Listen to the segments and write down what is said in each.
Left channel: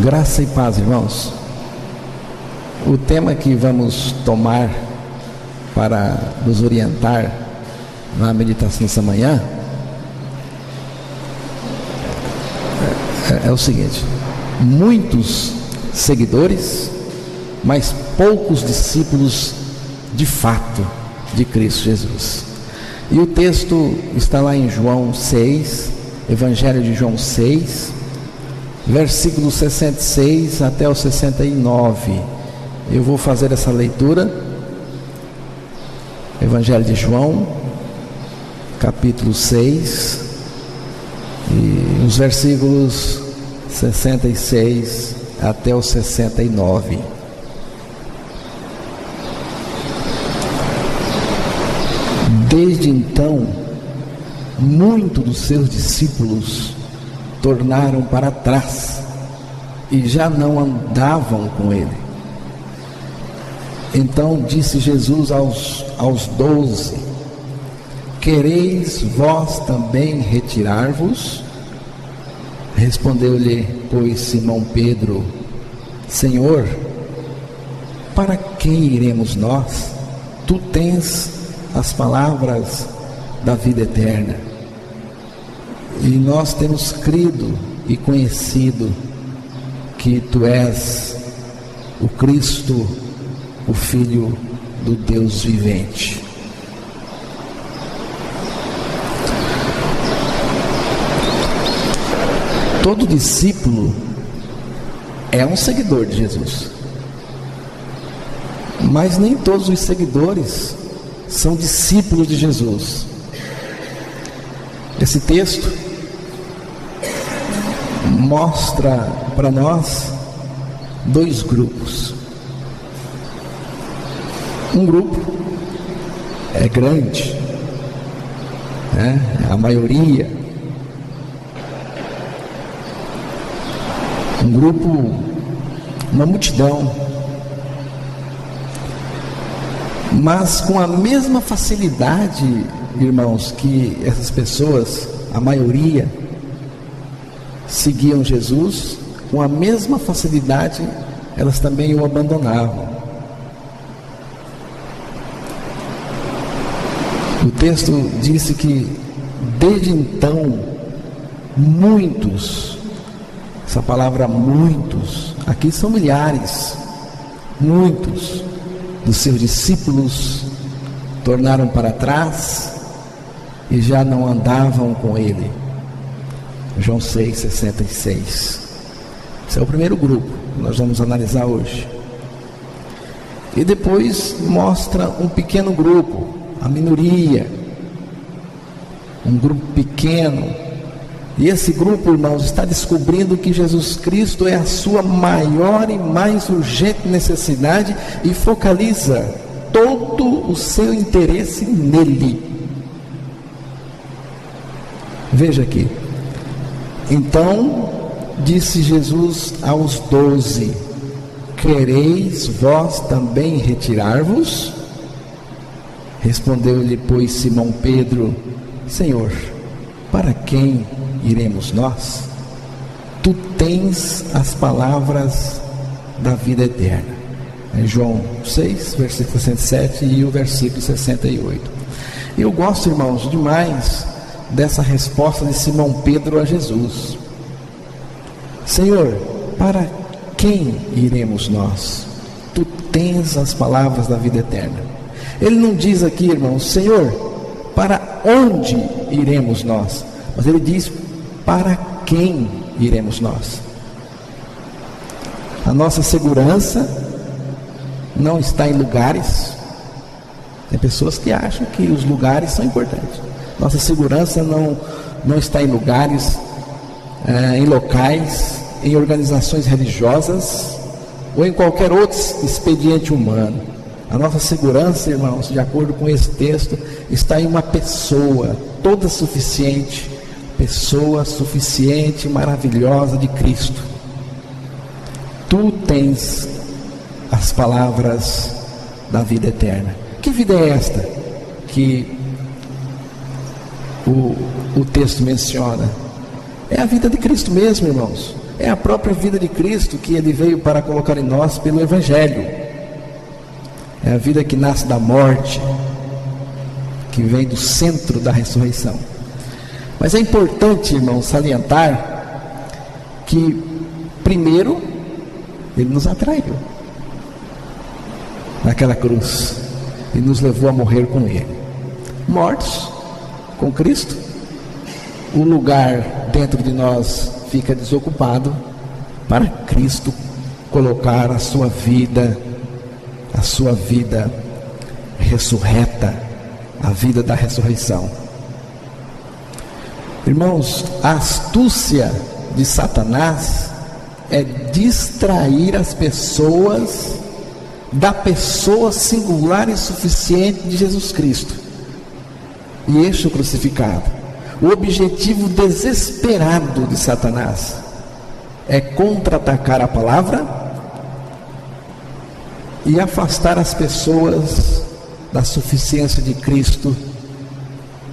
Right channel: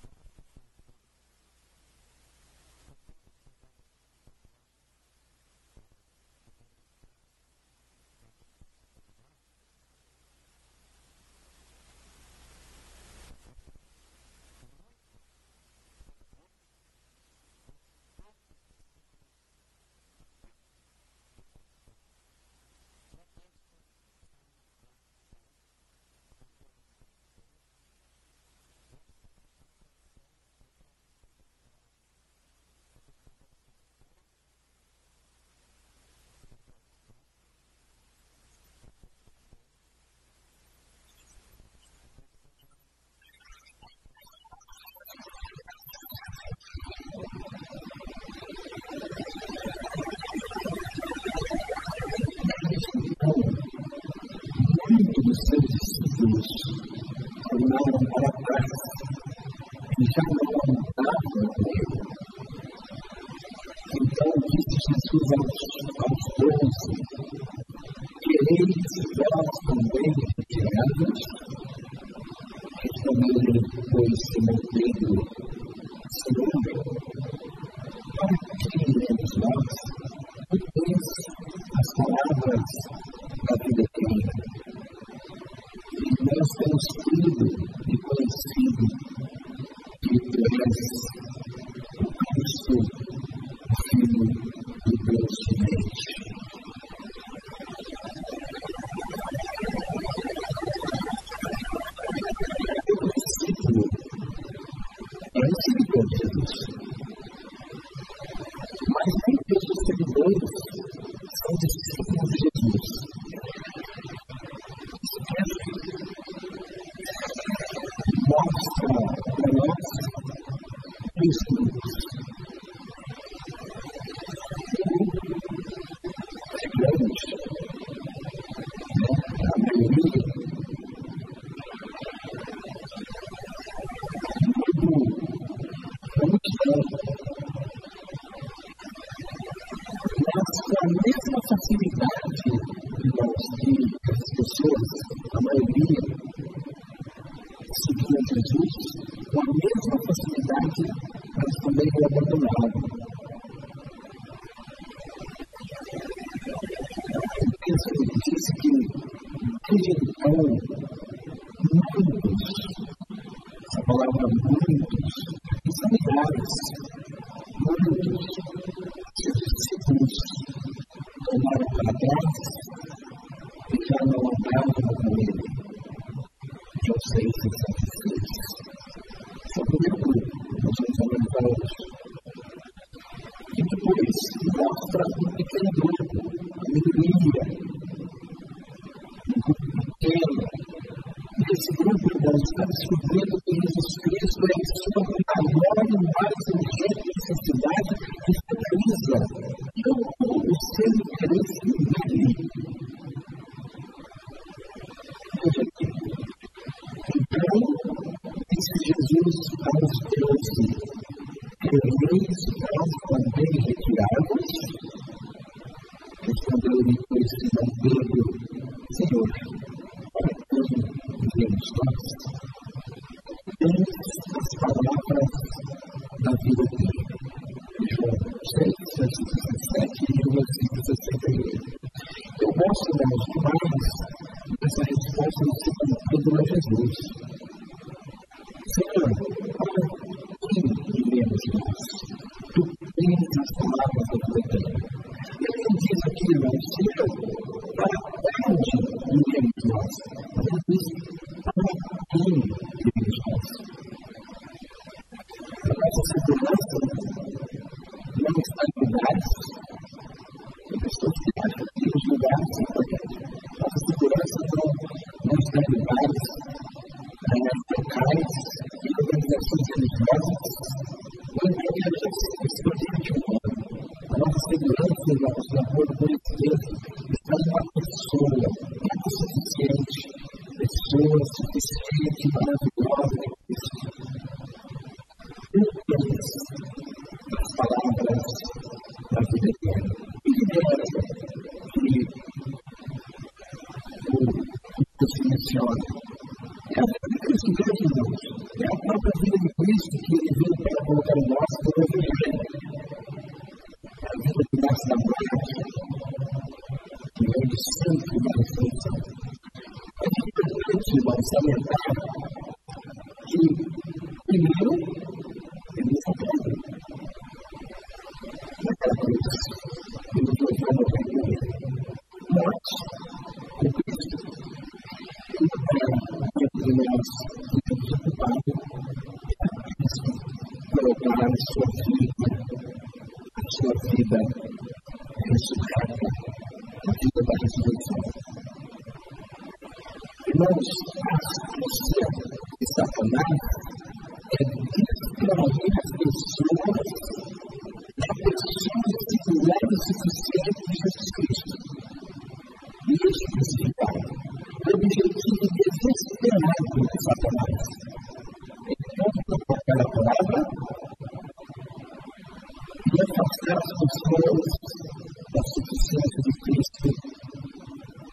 Graça e paz, irmãos. O tema que vamos tomar para nos orientar na meditação dessa manhã é o seguinte: muitos seguidores, mas poucos discípulos de fato de Cristo Jesus. E o texto está lá em João 6, Evangelho de João 6, versículos 66 até o 69. Eu vou fazer essa leitura. Evangelho de João, capítulo 6, e os versículos 66 até o 69. Desde então, muitos dos seus discípulos tornaram para trás e já não andavam com ele. Então disse Jesus aos 12: quereis vós também retirar-vos? Respondeu-lhe, pois, Simão Pedro: Senhor, para quem iremos nós? Tu tens as palavras da vida eterna, e nós temos crido e conhecido que Tu és o Cristo, o Filho do Deus vivente. Todo discípulo é um seguidor de Jesus, mas nem todos os seguidores são discípulos de Jesus. Esse texto mostra para nós dois grupos. Um grupo é grande, é a maioria. Um grupo, uma multidão, mas com a mesma facilidade, irmãos, que essas pessoas, a maioria, seguiam Jesus, com a mesma facilidade elas também o abandonavam. O texto disse que desde então muitos, essa palavra muitos, aqui são milhares, muitos dos seus discípulos tornaram para trás e já não andavam com ele. João 6,66. Esse é o primeiro grupo que nós vamos analisar hoje. E depois mostra um pequeno grupo, a minoria, um grupo pequeno. E esse grupo, irmãos, está descobrindo que Jesus Cristo é a sua maior e mais urgente necessidade e focaliza todo o seu interesse nele. Veja aqui. Então disse Jesus aos 12: quereis vós também retirar-vos? Respondeu-lhe, pois, Simão Pedro: Senhor, para quem iremos nós? Tu tens as palavras da vida eterna. É João 6, versículo 67 e o versículo 68. Eu gosto, irmãos, demais dessa resposta de Simão Pedro a Jesus: Senhor, para quem iremos nós? Tu tens as palavras da vida eterna. Ele não diz aqui, irmãos, Senhor, para onde iremos nós? Mas ele diz: para quem iremos nós? A nossa segurança não está em lugares. Tem pessoas que acham que os lugares são importantes. Nossa segurança não está em lugares, em locais, em organizações religiosas ou em qualquer outro expediente humano. A nossa segurança, irmãos, de acordo com esse texto, está em uma pessoa toda suficiente, pessoa suficiente e maravilhosa de Cristo. Tu tens as palavras da vida eterna. Que vida é esta que o texto menciona? É a vida de Cristo mesmo, irmãos. é a própria vida de Cristo que Ele veio para colocar em nós pelo Evangelho. É a vida que nasce da morte, que vem do centro da ressurreição. Mas é importante, irmãos, salientar que, primeiro, Ele nos atraiu naquela cruz e nos levou a morrer com Ele. Mortos com Cristo, o lugar dentro de nós fica desocupado para Cristo colocar a sua vida ressurreta, a vida da ressurreição. Irmãos, a astúcia de Satanás é distrair as pessoas da pessoa singular e suficiente de Jesus Cristo e este o crucificado. O objetivo desesperado de Satanás é contra-atacar a palavra e afastar as pessoas da suficiência de Cristo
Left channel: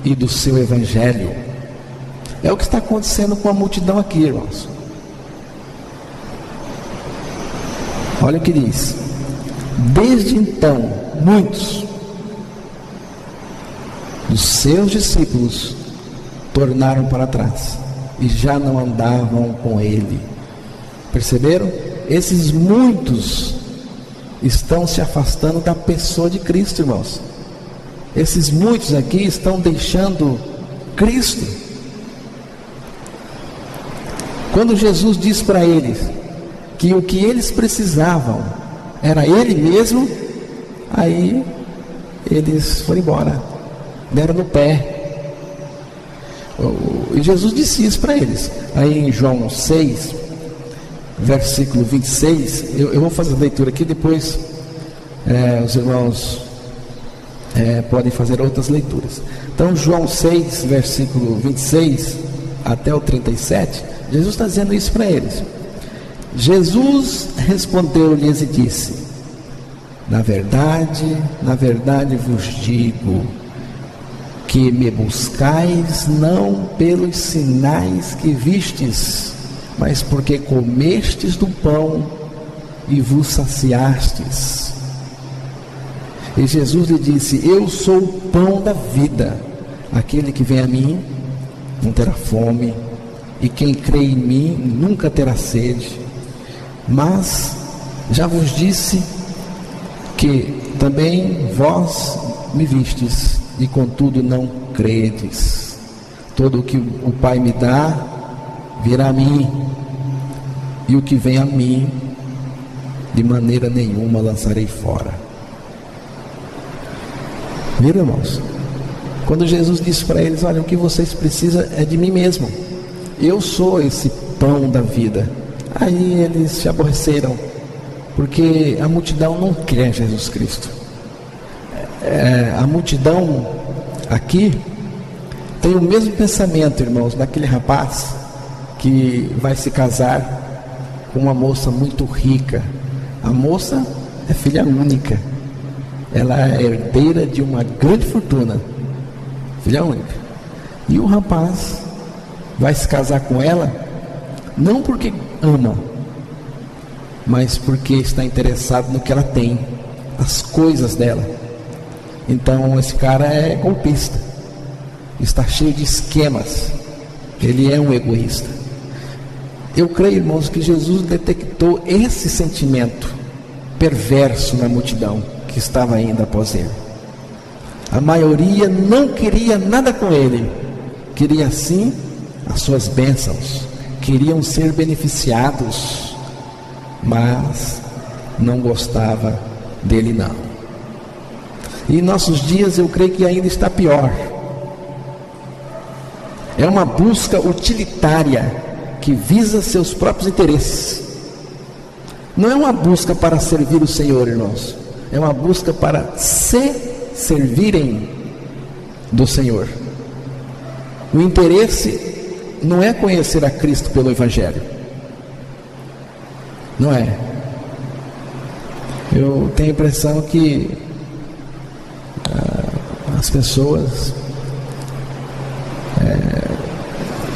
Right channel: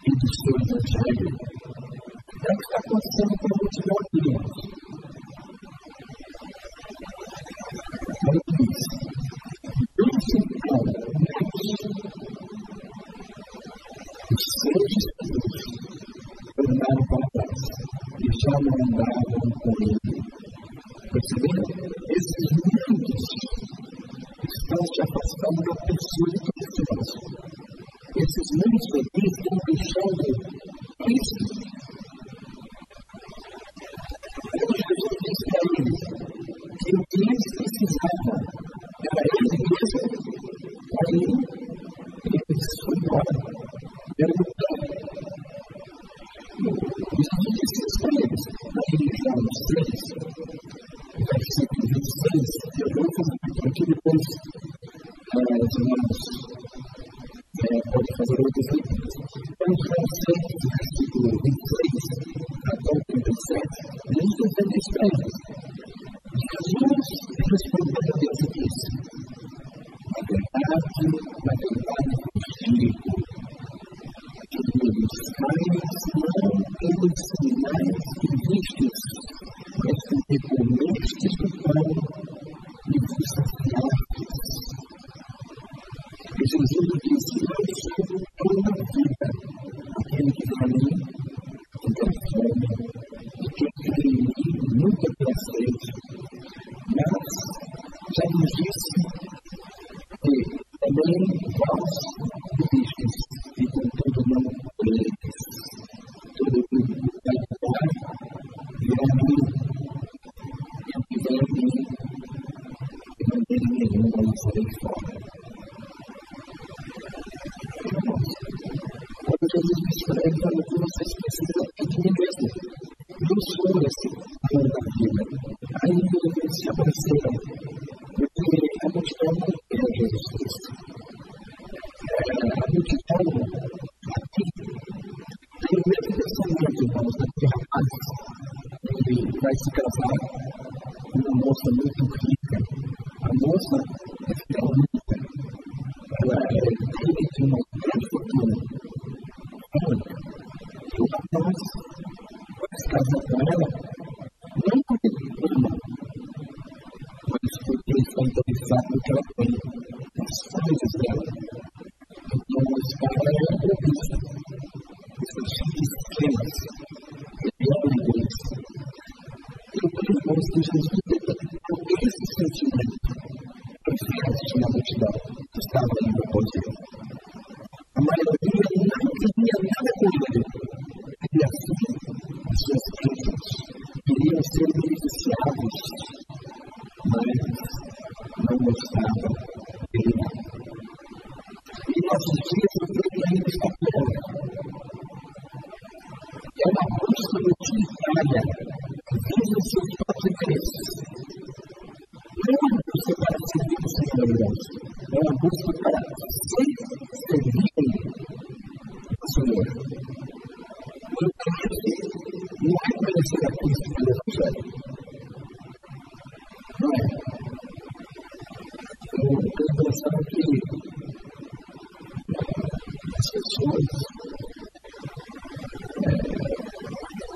e do seu Evangelho. É o que está acontecendo com a multidão aqui, irmãos. Olha o que diz: desde então, muitos dos seus discípulos tornaram para trás e já não andavam com ele. Perceberam? Esses muitos estão se afastando da pessoa de Cristo, irmãos. Esses muitos aqui estão deixando Cristo. Quando Jesus disse para eles que o que eles precisavam era Ele mesmo, aí eles foram embora, deram no pé. E Jesus disse isso para eles. Aí em João 6, versículo 26, eu vou fazer a leitura aqui, depois os irmãos podem fazer outras leituras. Então João 6, versículo 26 até o 37, Jesus está dizendo isso para eles. Jesus respondeu-lhes e disse: na verdade vos digo que me buscais não pelos sinais que vistes, mas porque comestes do pão e vos saciastes. E Jesus lhe disse: eu sou o pão da vida. Aquele que vem a mim não terá fome, e quem crê em mim nunca terá sede. Mas já vos disse que também vós me vistes, e contudo não credes. Todo o que o Pai me dá virá a mim, e o que vem a mim de maneira nenhuma lançarei fora. Viram, irmãos? Quando Jesus disse para eles: olha, o que vocês precisam é de mim mesmo, eu sou esse pão da vida. Aí eles se aborreceram, porque a multidão não quer Jesus Cristo. A multidão aqui tem o mesmo pensamento, irmãos, daquele rapaz que vai se casar com uma moça muito rica. A moça é filha única, ela é herdeira de uma grande fortuna, filha única. E o rapaz vai se casar com ela não porque ama, mas porque está interessado no que ela tem, nas coisas dela. Então esse cara é golpista, está cheio de esquemas, ele é um egoísta. Eu creio, irmãos, que Jesus detectou esse sentimento perverso na multidão que estava indo após ele. A maioria não queria nada com ele, queria sim as suas bênçãos, queriam ser beneficiados, mas não gostava dele não. E em nossos dias eu creio que ainda está pior. É uma busca utilitária que visa seus próprios interesses. Não é uma busca para servir o Senhor, irmãos, é uma busca para se servirem do Senhor. O interesse não é conhecer a Cristo pelo Evangelho, não é. Eu tenho a impressão que as pessoas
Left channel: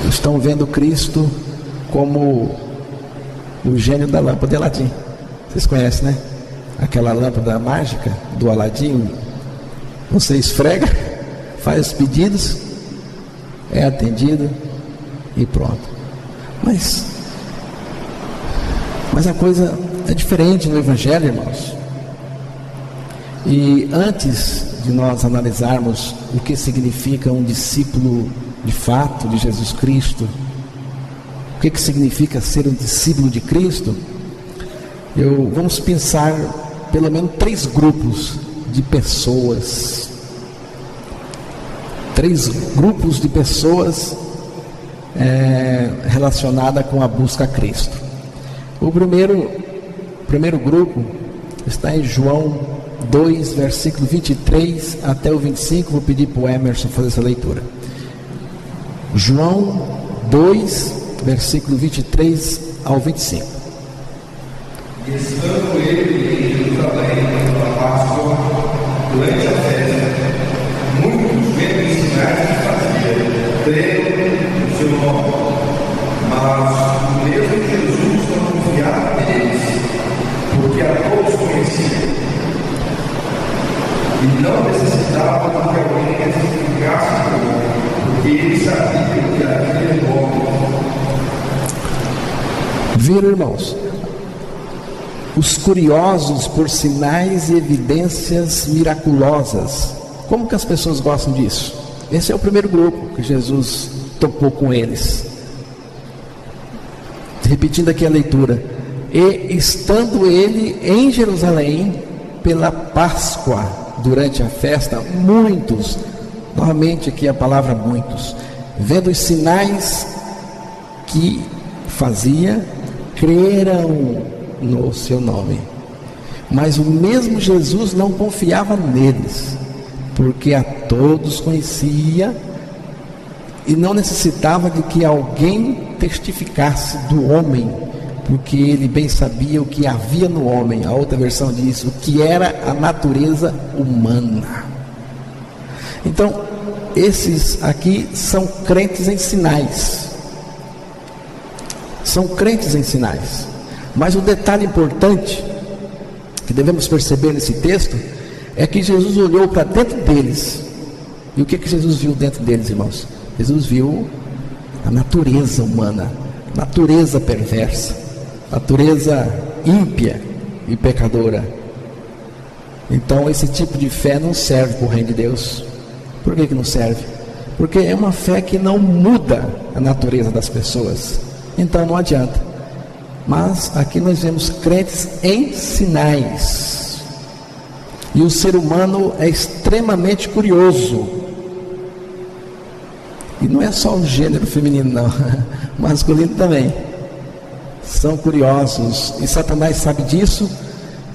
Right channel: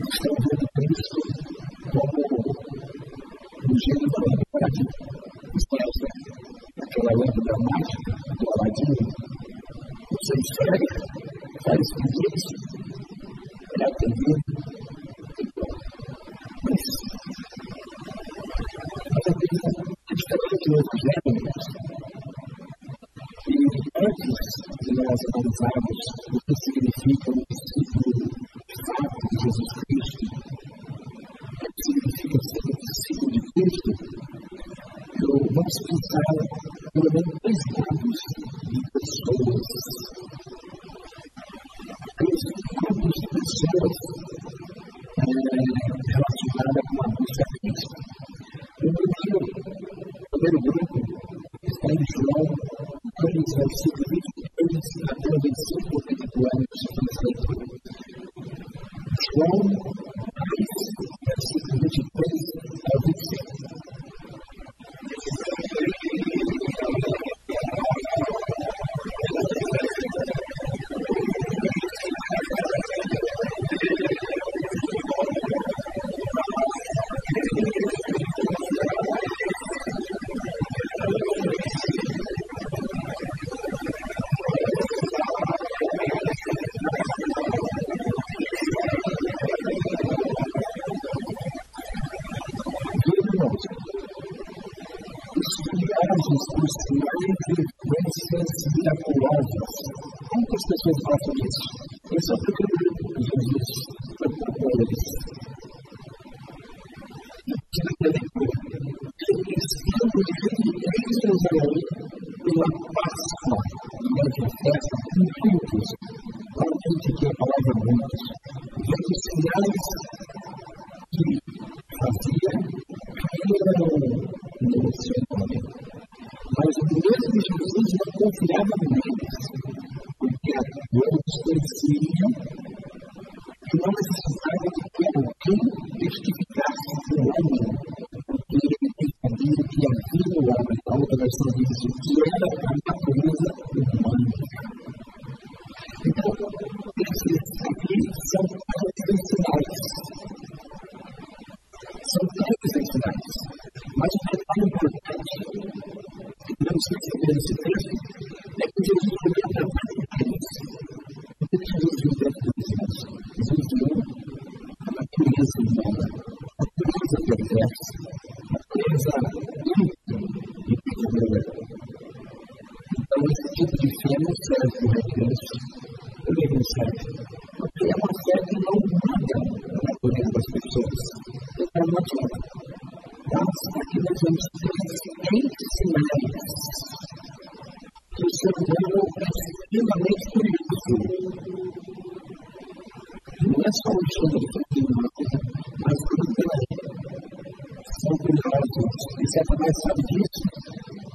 estão vendo Cristo como o gênio da lâmpada de Aladim. Vocês conhecem, né? Aquela lâmpada mágica do Aladim. Você esfrega, faz os pedidos, é atendido e pronto. Mas a coisa é diferente no Evangelho, irmãos. E antes de nós analisarmos o que significa um discípulo de fato de Jesus Cristo, o que significa ser um discípulo de Cristo, vamos pensar pelo menos 3 grupos de pessoas. 3 grupos de pessoas relacionadas com a busca a Cristo. O primeiro grupo está em João 2, versículo 23 até o 25. Vou pedir para o Emerson fazer essa leitura. João 2, versículo 23 ao 25. E estando ele em Jerusalém pela Páscoa, durante a festa, muitos vendo os sinais que fazia, creram no seu nome. Mas o mesmo Jesus não confiava neles, porque a todos conhecia. E não necessitava de que alguém testificasse do homem, porque ele sabia o que havia no homem. Viram, irmãos? Os curiosos por sinais e evidências miraculosas. Como que as pessoas gostam disso? Esse é o primeiro grupo que Jesus topou com eles. Repetindo aqui a leitura. E estando ele em Jerusalém pela Páscoa, durante a festa, muitos, novamente aqui a palavra muitos, vendo os sinais que fazia, creram no seu nome. Mas o mesmo Jesus não confiava neles, porque a todos conhecia e não necessitava de que alguém testificasse do homem, porque ele bem sabia o que havia no homem. A outra versão diz o que era a natureza humana. Então, esses aqui são crentes em sinais. São crentes em sinais. Mas o detalhe importante que devemos perceber nesse texto é que Jesus olhou para dentro deles. E o que Jesus viu dentro deles, irmãos? Jesus viu a natureza humana, natureza perversa, natureza ímpia e pecadora. Então esse tipo de fé não serve para o reino de Deus. Por que não serve? Porque é uma fé que não muda a natureza das pessoas. Então não adianta. Mas aqui nós vemos crentes em sinais. E o ser humano é extremamente curioso. E não é só o gênero feminino não, o masculino também. São curiosos. E Satanás sabe disso.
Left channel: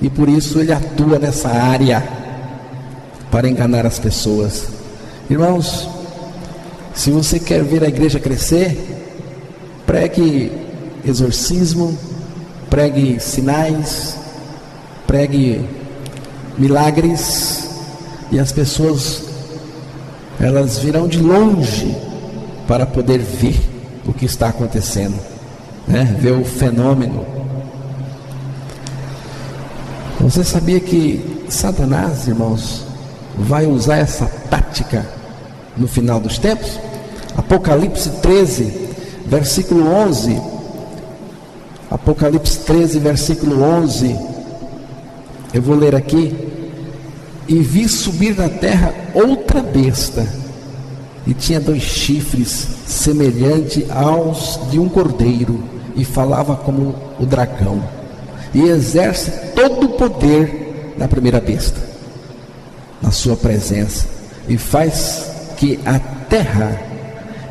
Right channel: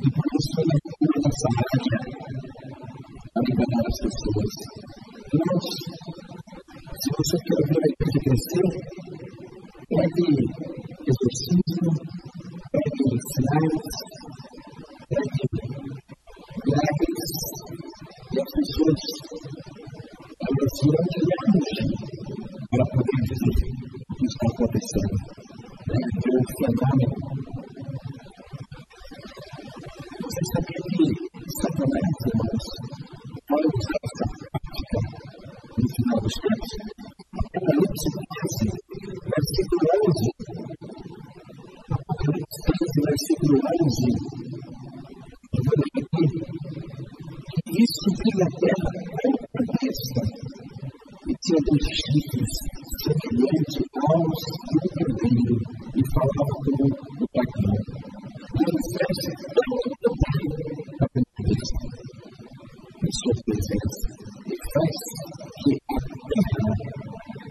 E por isso ele atua nessa área para enganar as pessoas. Irmãos, se você quer ver a igreja crescer, pregue exorcismo, pregue sinais, pregue milagres, e as pessoas elas virão de longe para poder ver o que está acontecendo, né? Ver o fenômeno. Você sabia que Satanás, irmãos, vai usar essa tática no final dos tempos? Apocalipse 13, versículo 11. Apocalipse 13, versículo 11. Eu vou ler aqui. E vi subir da terra outra besta, e tinha 2 chifres, semelhante aos de um cordeiro, e falava como o dragão, e exerce todo o poder da primeira besta na sua presença, e faz que a terra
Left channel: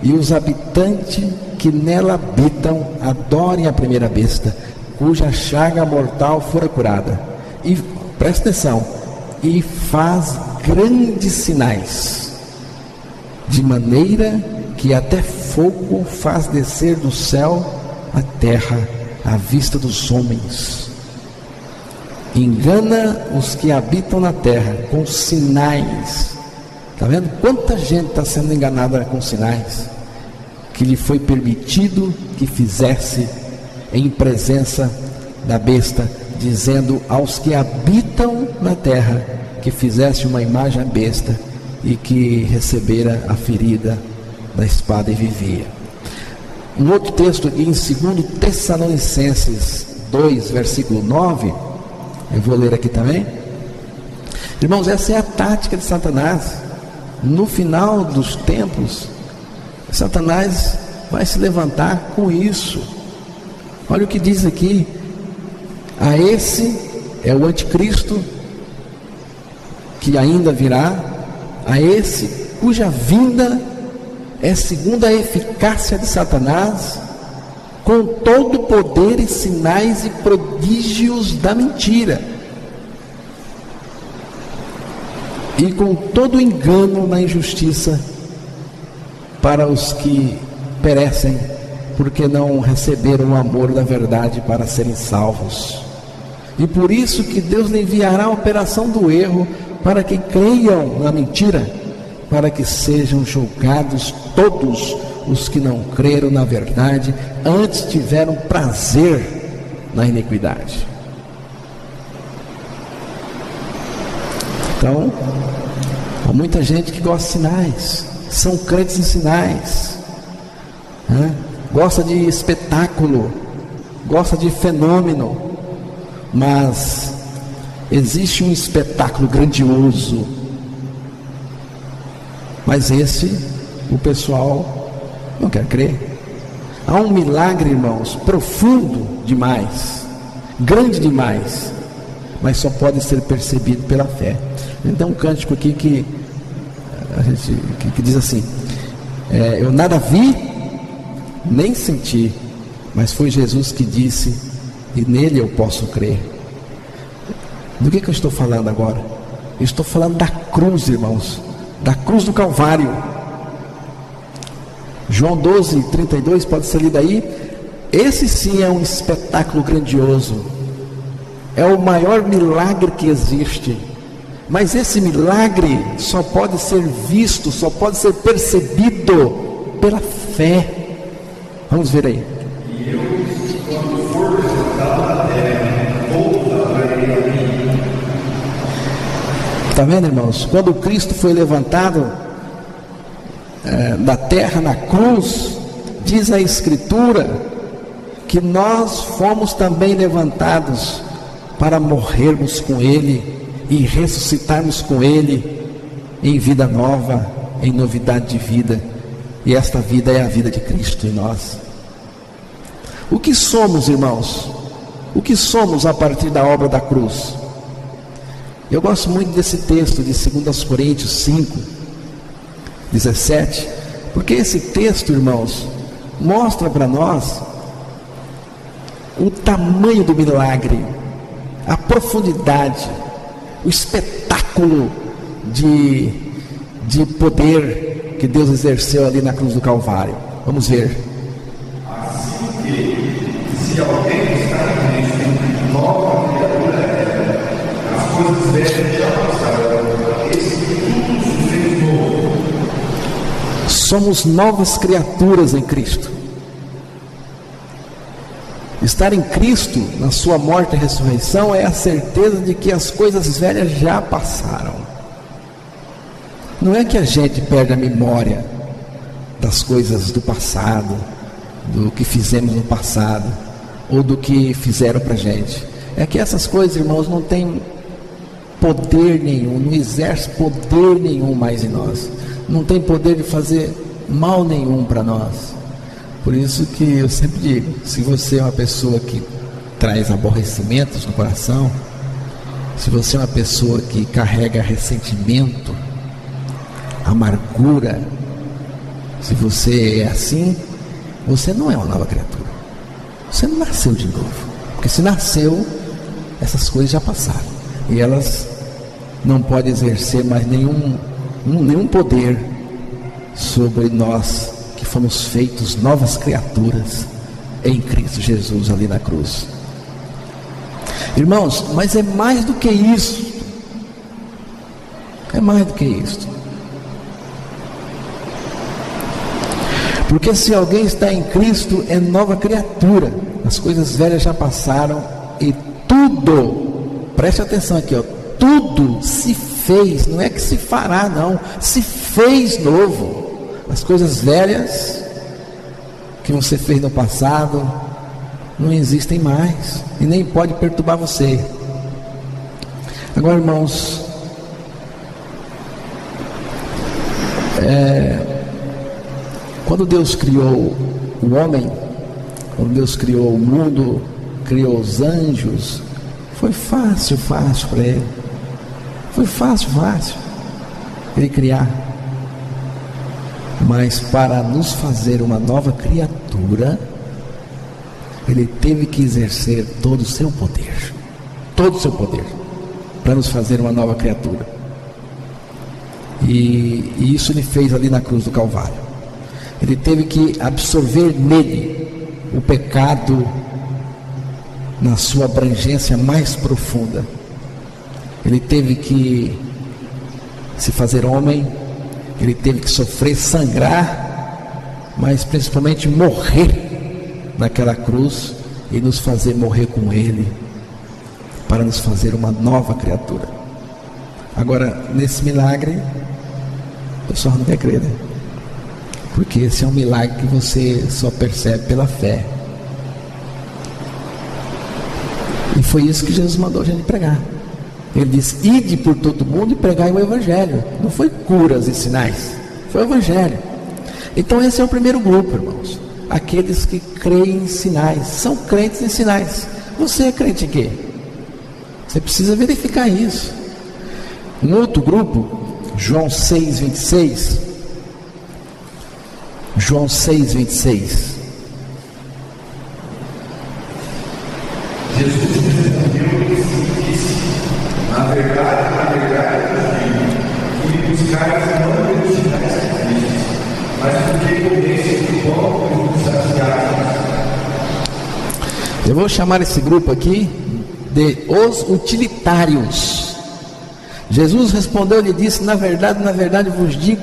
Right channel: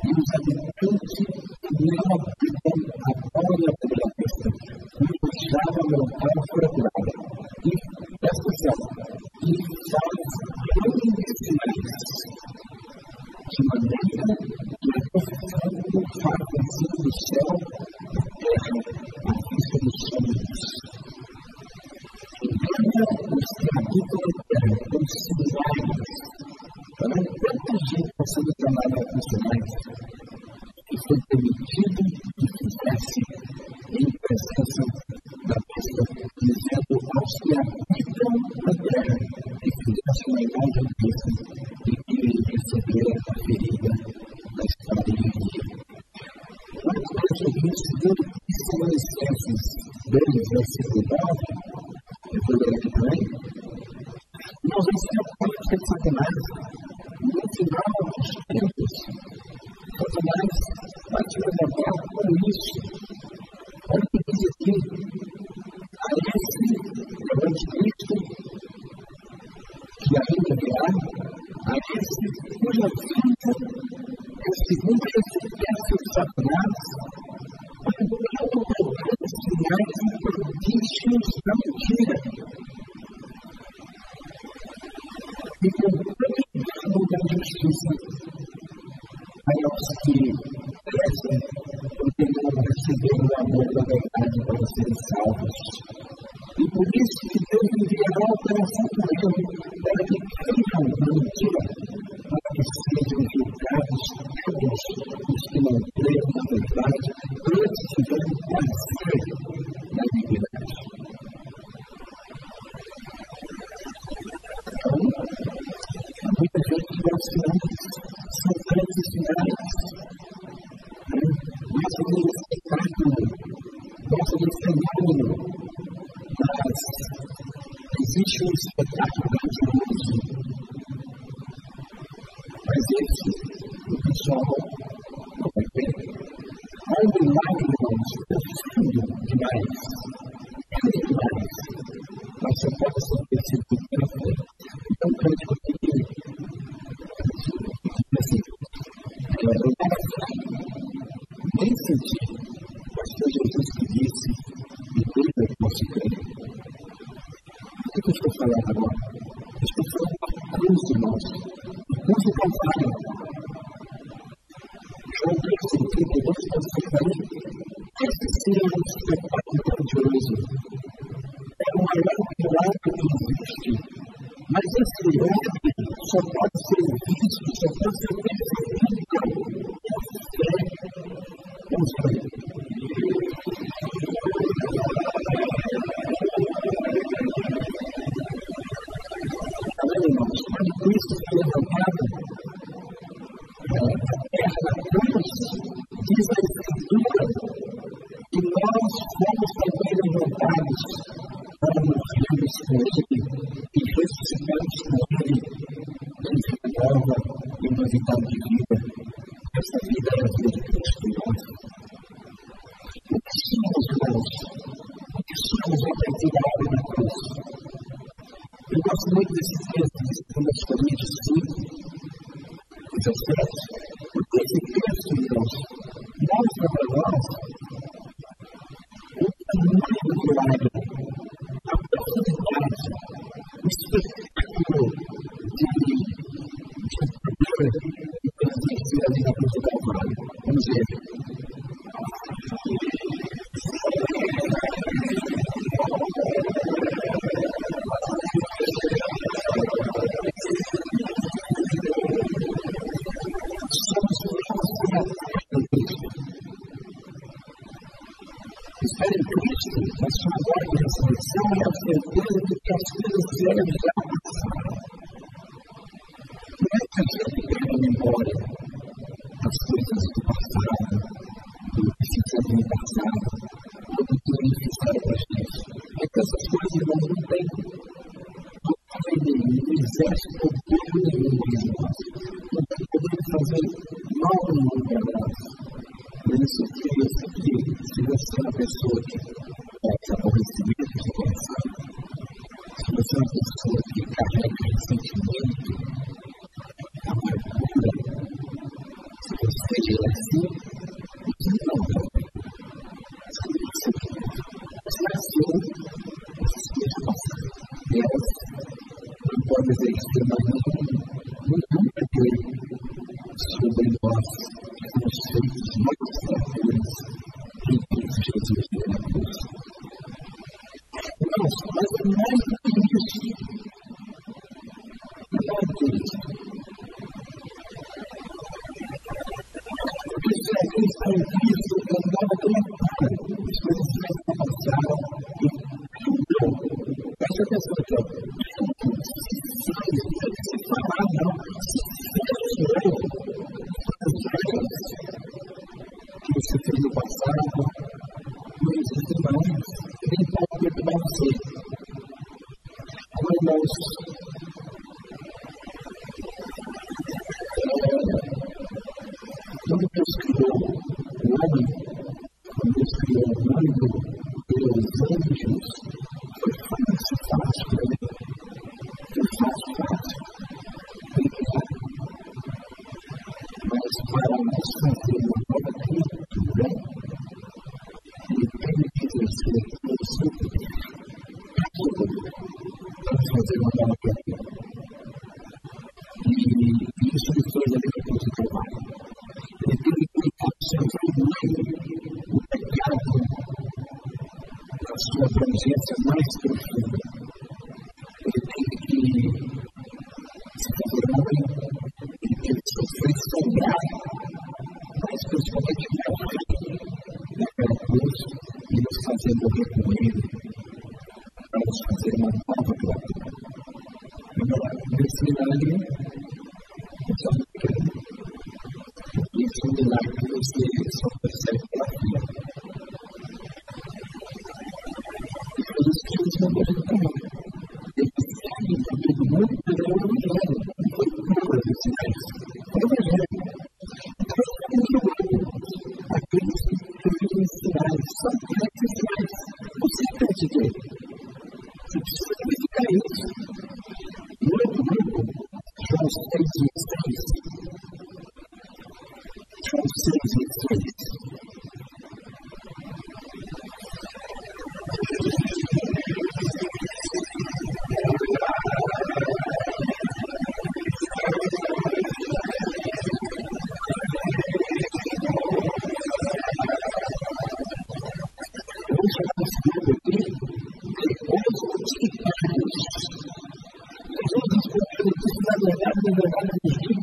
e os habitantes que nela habitam adorem a primeira besta, cuja chaga mortal fora curada. E presta atenção, e faz grandes sinais, de maneira que até fogo faz descer do céu à terra à vista dos homens. Engana os que habitam na terra com sinais. Está vendo? Quanta gente está sendo enganada com sinais que lhe foi permitido que fizesse em presença da besta, dizendo aos que habitam na terra que fizeste uma imagem à besta e que recebera a ferida da espada e vivia. Um outro texto aqui em 2 Tessalonicenses 2, versículo 9, eu vou ler aqui também. Irmãos, essa é a tática de Satanás. No final dos tempos, Satanás vai se levantar com isso. Olha o que diz aqui: a esse é o anticristo que ainda virá, a esse cuja vinda é segundo a eficácia de Satanás, com todo o poder e sinais e prodígios da mentira, e com todo o engano na injustiça para os que perecem, porque não receberam o amor da verdade para serem salvos. E por isso que Deus lhe enviará a operação do erro, para que creiam na mentira, para que sejam julgados todos os que não creram na verdade, antes tiveram prazer na iniquidade. Então, há muita gente que gosta de sinais, são crentes em sinais, gosta de espetáculo, gosta de fenômeno, mas existe um espetáculo grandioso, mas esse o pessoal não quer crer. Há um milagre, irmãos, profundo demais, grande demais, mas só pode ser percebido pela fé. Então, um cântico aqui que diz assim: eu nada vi, nem senti, mas foi Jesus que disse, e nele eu posso crer. Do que eu estou falando agora? Eu estou falando da cruz, irmãos, da cruz do Calvário. João 12, 32, pode ser lido aí. Esse sim é um espetáculo grandioso, é o maior milagre que existe, mas esse milagre só pode ser visto, só pode ser percebido pela fé. Vamos ver aí. E eu, quando for levantado da terra, voltarei a mim. Está vendo, irmãos? Quando Cristo foi levantado da terra na cruz, diz a Escritura que nós fomos também levantados para morrermos com Ele e ressuscitarmos com Ele em vida nova, em novidade de vida. E esta vida é a vida de Cristo em nós. O que somos, irmãos? O que somos a partir da obra da cruz? Eu gosto muito desse texto de 2 Coríntios 5, 17, porque esse texto, irmãos, mostra para nós o tamanho do milagre, a profundidade, o espetáculo de poder que Deus exerceu ali na cruz do Calvário. Vamos ver. Assim que, se alguém está em Cristo, nova criatura é. As coisas velhas já passaram, eis que tudo se fez novo. Somos novas criaturas em Cristo. Estar em Cristo, na sua morte e ressurreição, é a certeza de que as coisas velhas já passaram. Não é que a gente perde a memória das coisas do passado, do que fizemos no passado, ou do que fizeram para a gente. É que essas coisas, irmãos, não têm poder nenhum, não exerce poder nenhum mais em nós, não tem poder de fazer mal nenhum para nós. Por isso que eu sempre digo, se você é uma pessoa que traz aborrecimentos no coração, se você é uma pessoa que carrega ressentimento, amargura, se você é assim, você não é uma nova criatura, você não nasceu de novo, porque se nasceu, essas coisas já passaram, e elas não podem exercer mais nenhum poder sobre nós, que fomos feitos novas criaturas em Cristo Jesus ali na cruz. Irmãos, mas é mais do que isso, é mais do que isso, porque se alguém está em Cristo, é nova criatura. as coisas velhas já passaram e tudo, preste atenção aqui, ó, tudo se fez, não é que se fará não, se fez novo. As coisas velhas que você fez no passado não existem mais e nem pode perturbar você. Agora, irmãos, quando Deus criou o homem, quando Deus criou o mundo, criou os anjos, foi fácil para Ele. Foi fácil Ele criar. Mas para nos fazer uma nova criatura, Ele teve que exercer todo o seu poder, para nos fazer uma nova criatura. E isso Ele fez ali na cruz do Calvário. Ele teve que absorver nele o pecado na sua abrangência mais profunda. Ele teve que se fazer homem, Ele teve que sofrer, sangrar, mas principalmente morrer naquela cruz e nos fazer morrer com Ele, para nos fazer uma nova criatura. Agora, nesse milagre, o pessoal não quer crer, né? Porque esse é um milagre que você só percebe pela fé. E foi isso que Jesus mandou a gente pregar. Ele diz: ide por todo mundo e pregai o Evangelho. Não foi curas e sinais, foi o Evangelho. Então esse é o primeiro grupo, irmãos, aqueles que creem em sinais, são crentes em sinais. Você é crente em quê? Você precisa verificar isso. Um outro grupo, João 6,26. João 6,26. Jesus respondeu-lhes e disse: na verdade vos digo, que me buscais não pelos sinais que fizes, mas porque comestes o pão e vos saciastes. Eu vou chamar esse grupo aqui de os utilitários. Jesus respondeu e disse: na verdade vos digo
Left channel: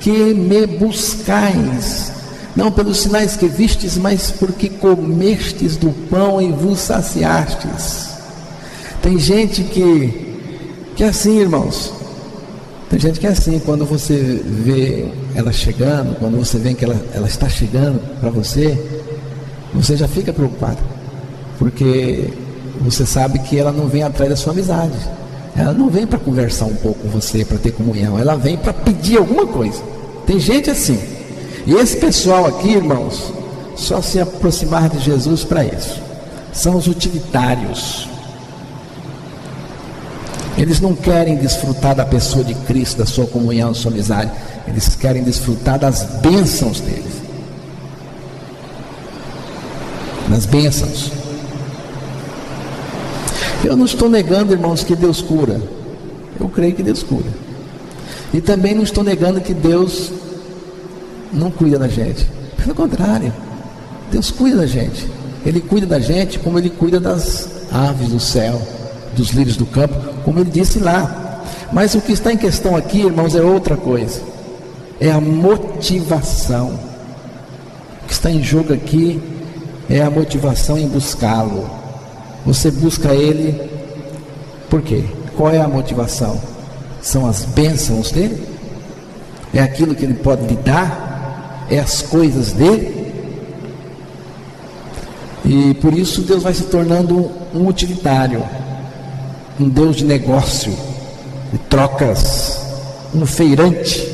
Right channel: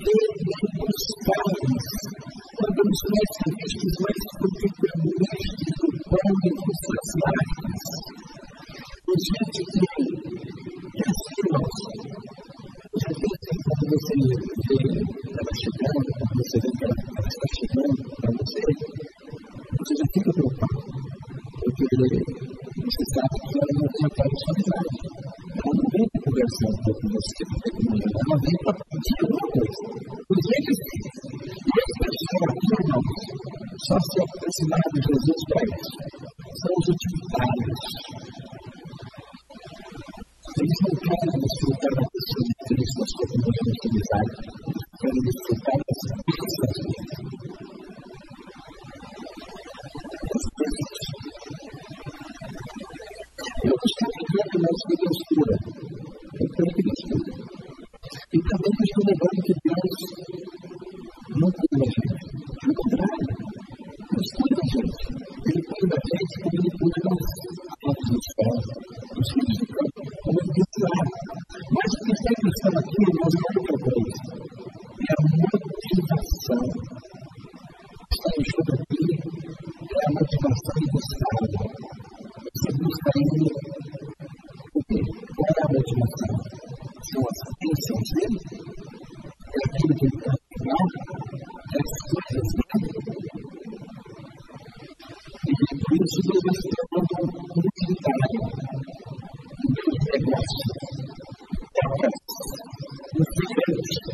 que me buscais, não pelos sinais que vistes, mas porque comestes do pão e vos saciastes. Tem gente que é assim, irmãos. Tem gente que é assim, quando você vê ela chegando, quando você vê que ela está chegando para você, você já fica preocupado, porque você sabe que ela não vem atrás da sua amizade, ela não vem para conversar um pouco com você, para ter comunhão, ela vem para pedir alguma coisa. Tem gente assim. E esse pessoal aqui, irmãos, só se aproximar de Jesus para isso. São os utilitários. Eles não querem desfrutar da pessoa de Cristo, da sua comunhão, da sua amizade. Eles querem desfrutar das bênçãos deles. Das bênçãos. Eu não estou negando, irmãos, que Deus cura. Eu creio que Deus cura. E também não estou negando que Deus não cuida da gente. Pelo contrário, Deus cuida da gente. Ele cuida da gente como Ele cuida das aves do céu, dos lírios do campo, como Ele disse lá. Mas o que está em questão aqui, irmãos, é outra coisa. É a motivação. O que está em jogo aqui é a motivação em buscá-lo. Você busca Ele por quê? Qual é a motivação? São as bênçãos dele? É aquilo que Ele pode lhe dar? É as coisas dele? E por isso Deus vai se tornando um utilitário, um Deus de negócio, de trocas, um feirante.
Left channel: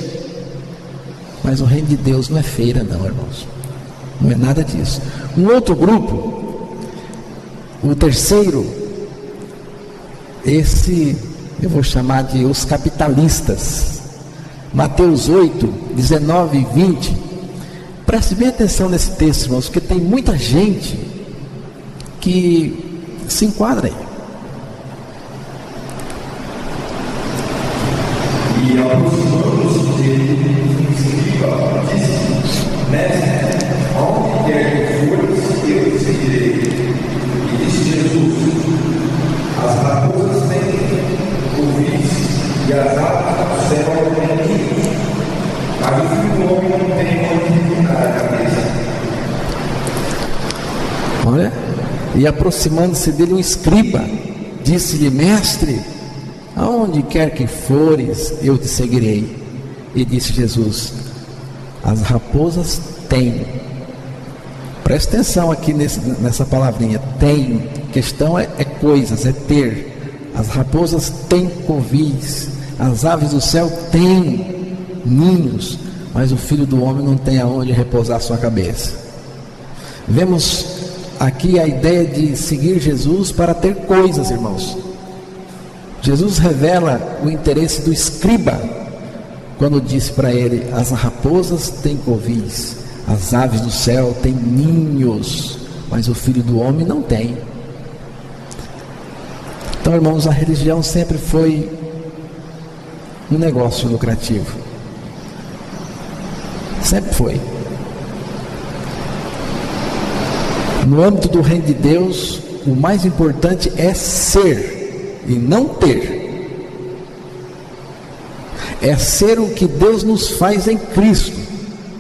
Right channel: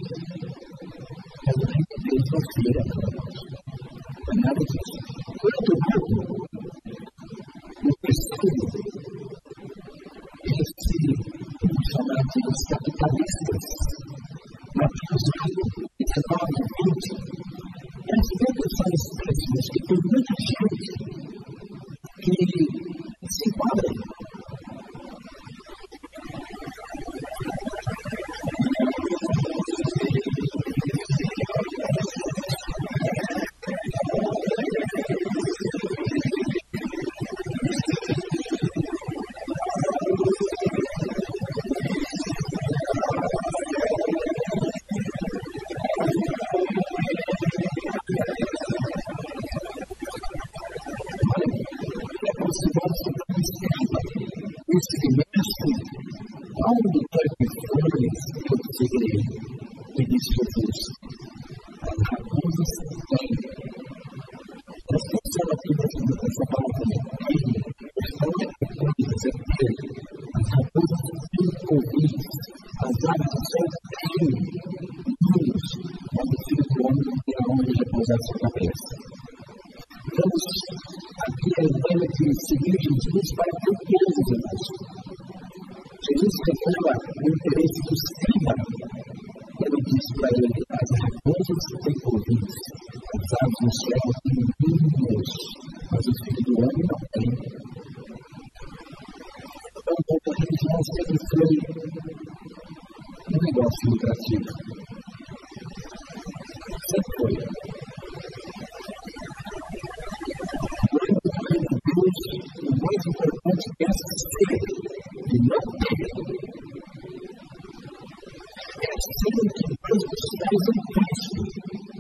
Mas o reino de Deus não é feira não, irmãos. Não é nada disso. Um outro grupo, o terceiro, esse eu vou chamar de os capitalistas. Mateus 8, 19 e 20. Preste bem atenção nesse texto, irmãos, porque tem muita gente que se enquadra aí. E aproximando-se dele, um escriba disse: Mestre, aonde quer que fores, eu te seguirei. E disse Jesus: as raposas têm ouvidos e as aves do céu têm ninhos, mas o filho do homem não tem onde reclinar a cabeça. Olha, E aproximando-se dele um escriba, disse-lhe: Mestre, aonde quer que fores, eu te seguirei. E disse Jesus: as raposas têm. Presta atenção aqui nessa palavrinha, tem. Questão é coisas, é ter. As raposas têm covis, as aves do céu têm ninhos, mas o Filho do Homem não tem aonde repousar sua cabeça. Vemos aqui a ideia de seguir Jesus para ter coisas, irmãos. Jesus revela o interesse do escriba quando disse para ele: as raposas têm covis, as aves do céu têm ninhos, mas o Filho do Homem não tem. Então, irmãos, a religião sempre foi um negócio lucrativo. Sempre foi. No âmbito do reino de Deus, o mais importante é ser e não ter. É ser o que Deus nos faz em Cristo,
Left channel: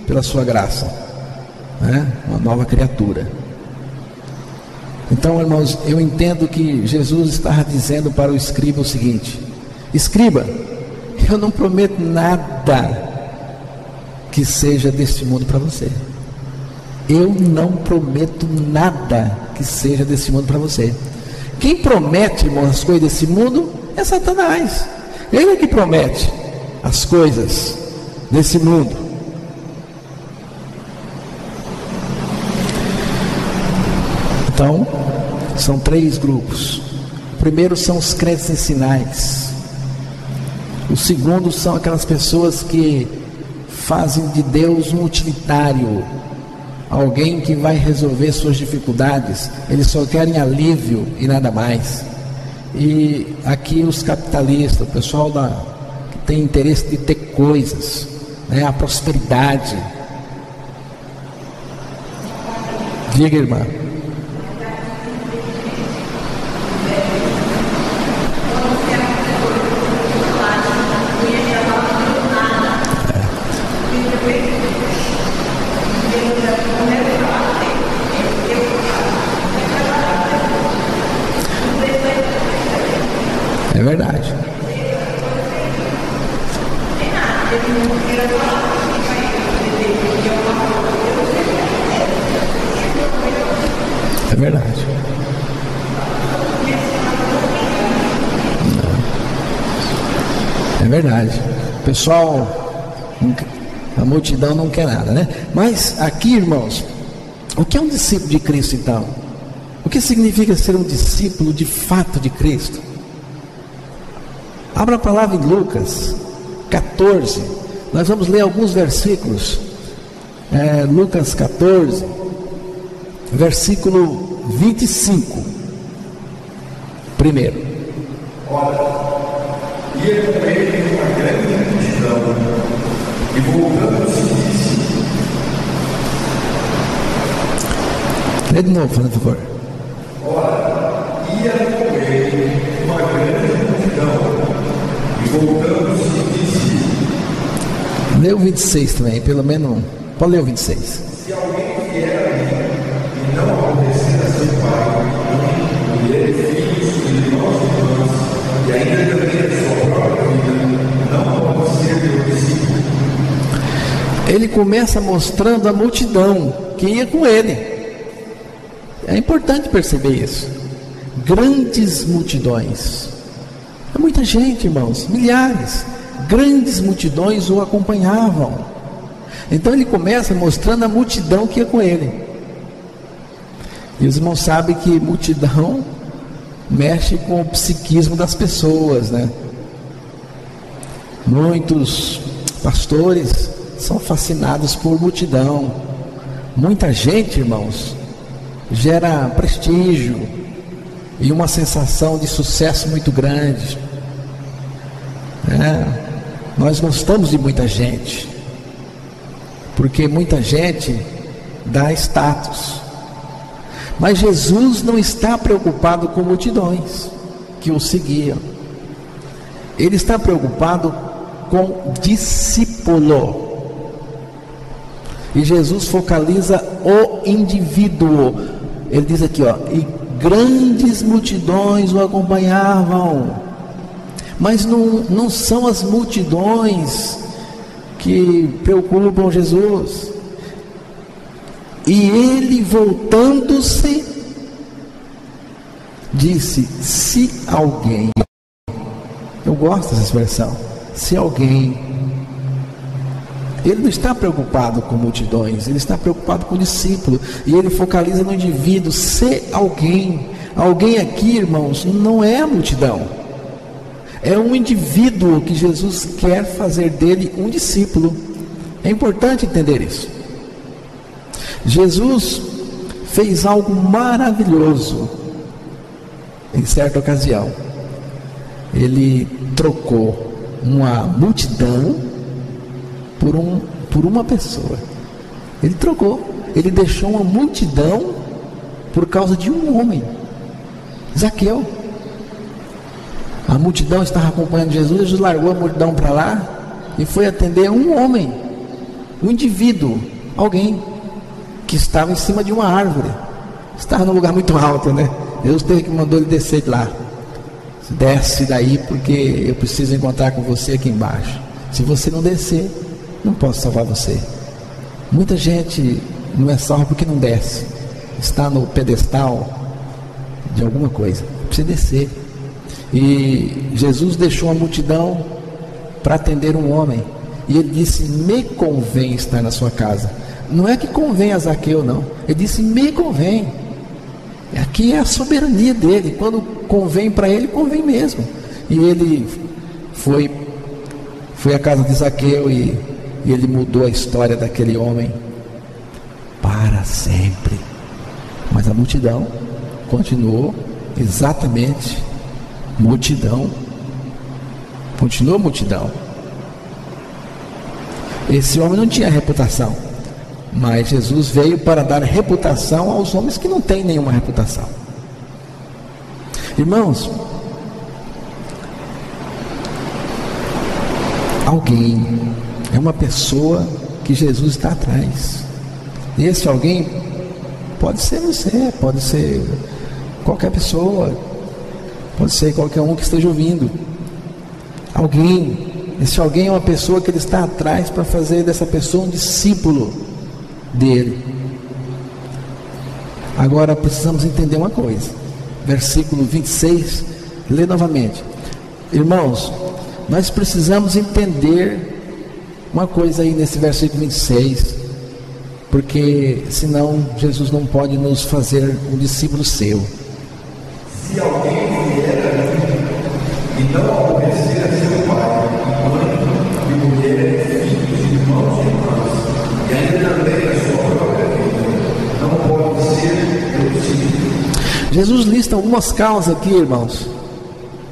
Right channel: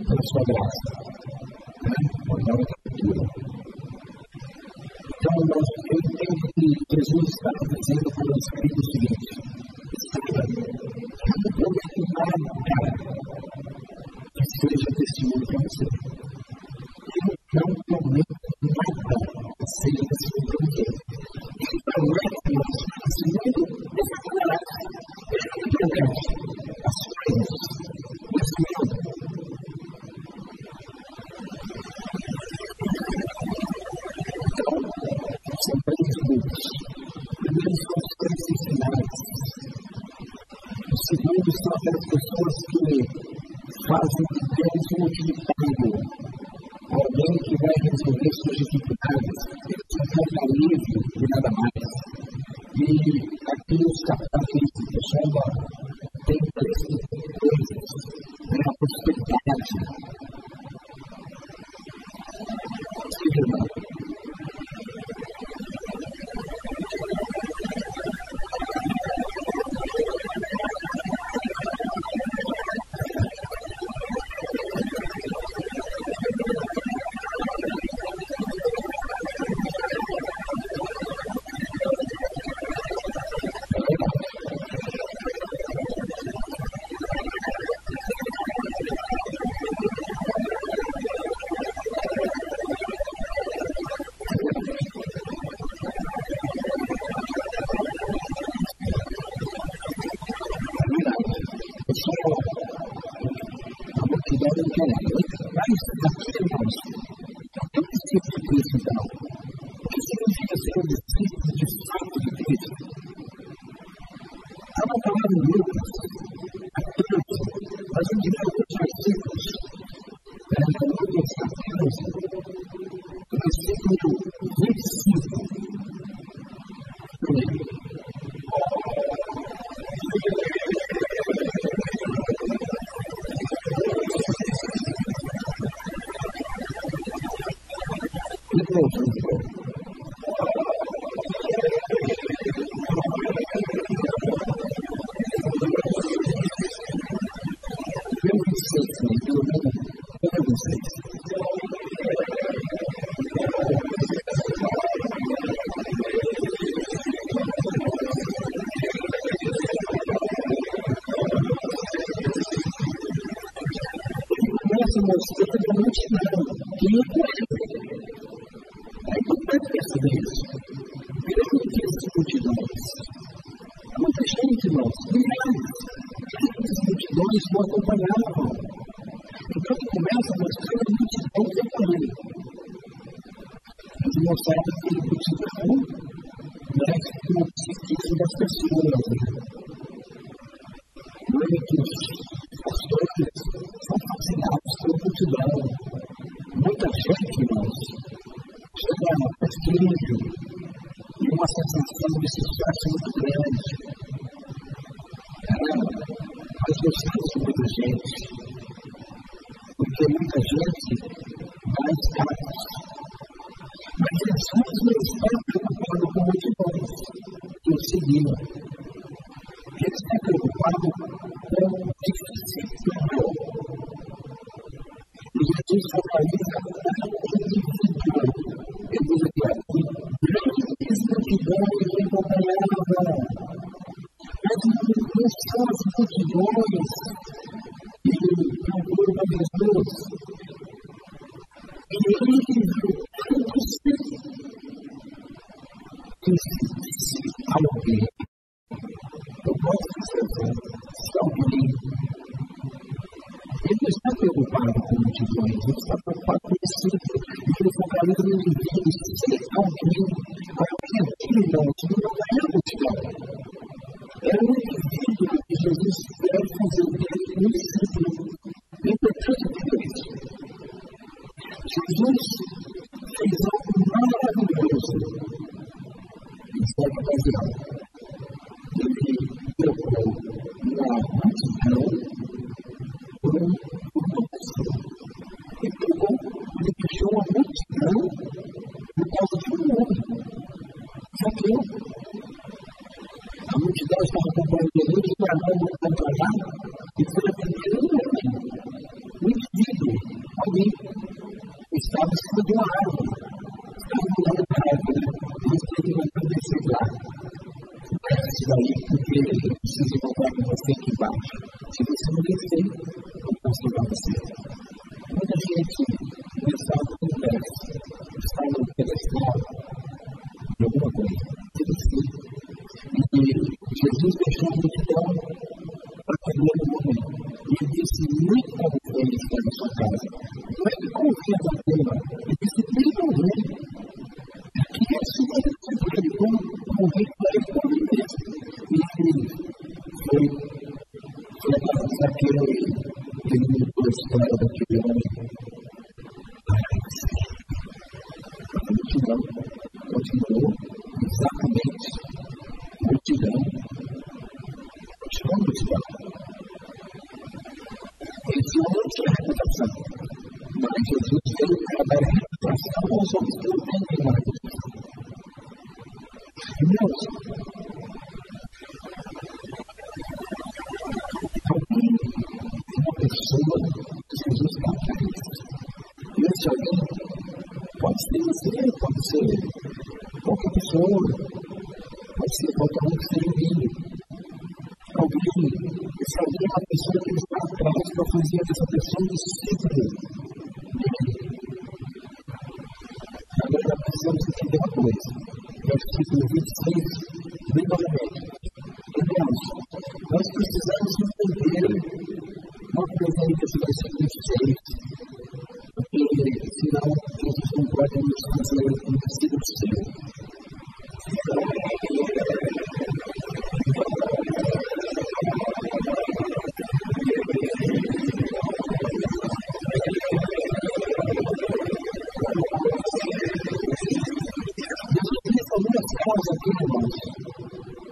pela sua graça, né? Uma nova criatura. Então, irmãos, eu entendo que Jesus estava dizendo para o escriba o seguinte: escriba, eu não prometo nada que seja deste mundo para você. Eu não prometo nada que seja desse mundo para você. Quem promete, irmãos, as coisas desse mundo é Satanás. Ele é que promete as coisas desse mundo. Então, são 3 grupos. O primeiro são os crentes em sinais. O segundo são aquelas pessoas que fazem de Deus um utilitário, alguém que vai resolver suas dificuldades. Eles só querem alívio e nada mais. E aqui os capitalistas, o pessoal que tem interesse de ter coisas, né? A prosperidade. Diga, irmã. É verdade. É verdade. É verdade. Pessoal, a multidão não quer nada, né? Mas aqui, irmãos, o que é um discípulo de Cristo então? O que significa ser um discípulo de fato de Cristo? Abra a palavra em Lucas 14. Nós vamos ler alguns versículos. Lucas 14, versículo 25. Primeiro. Ora, ia com ele uma grande multidão, e voltando-se disse: Lê de novo, por favor. Ora, ia com ele uma grande multidão, e voltando-se disse: Lê o 26 também, pelo menos. Pode ler o 26. Se alguém vier a mim e não aborrecer a seu pai, mãe, mulher, filhos, irmãos e irmãs, e ainda também a sua própria vida, não pode ser meu discípulo. Ele começa mostrando a multidão que ia com ele. É importante perceber isso. Grandes multidões. É muita gente, irmãos, milhares. Grandes multidões o acompanhavam. Então ele começa mostrando a multidão que ia com ele. E os irmãos sabem que multidão mexe com o psiquismo das pessoas, né? Muitos pastores são fascinados por multidão. Muita gente, irmãos, gera prestígio e uma sensação de sucesso muito grande. Nós gostamos de muita gente, porque muita gente dá status. Mas Jesus não está preocupado com multidões que o seguiam. Ele está preocupado com discípulo. E Jesus focaliza o indivíduo. Ele diz aqui, e grandes multidões o acompanhavam. Mas não são as multidões que preocupam Jesus. E ele, voltando-se, disse: se alguém, eu gosto dessa expressão, se alguém, ele não está preocupado com multidões, ele está preocupado com o discípulo, e ele focaliza no indivíduo. Se alguém, alguém aqui, irmãos, não é a multidão, é um indivíduo que Jesus quer fazer dele um discípulo. É importante entender isso. Jesus fez algo maravilhoso em certa ocasião. Ele trocou uma multidão por uma pessoa. Ele trocou, ele deixou uma multidão por causa de um homem, Zaqueu. A multidão estava acompanhando Jesus. Jesus largou a multidão para lá e foi atender um homem, um indivíduo, alguém que estava em cima de uma árvore, estava num lugar muito alto, né? Deus teve que mandou ele descer de lá. Desce daí, porque eu preciso encontrar com você aqui embaixo. Se você não descer, não posso salvar você. Muita gente não é salva porque não desce, está no pedestal de alguma coisa, precisa descer. E Jesus deixou a multidão para atender um homem, e ele disse: me convém estar na sua casa. Não é que convém a Zaqueu, não. Ele disse: me convém. Aqui é a soberania dele. Quando convém para ele, convém mesmo. E ele foi à casa de Zaqueu, e ele mudou a história daquele homem para sempre. Mas a multidão continuou exatamente multidão. Continuou multidão. Esse homem não tinha reputação, mas Jesus veio para dar reputação aos homens que não têm nenhuma reputação. Irmãos, alguém é uma pessoa que Jesus está atrás. E esse alguém pode ser você, pode ser qualquer pessoa, pode ser qualquer um que esteja ouvindo. Alguém, esse alguém é uma pessoa que ele está atrás para fazer dessa pessoa um discípulo dele. Agora precisamos entender uma coisa. Versículo 26, lê novamente. Irmãos, nós precisamos entender uma coisa aí nesse versículo 26, porque senão Jesus não pode nos fazer um discípulo seu. Se alguém vier a mim e não aborrecer a seu pai, mãe, e mulher, filhos, irmãos e irmãs, e ainda também a sua própria vida, não pode ser meu discípulo. Jesus lista algumas causas aqui, irmãos,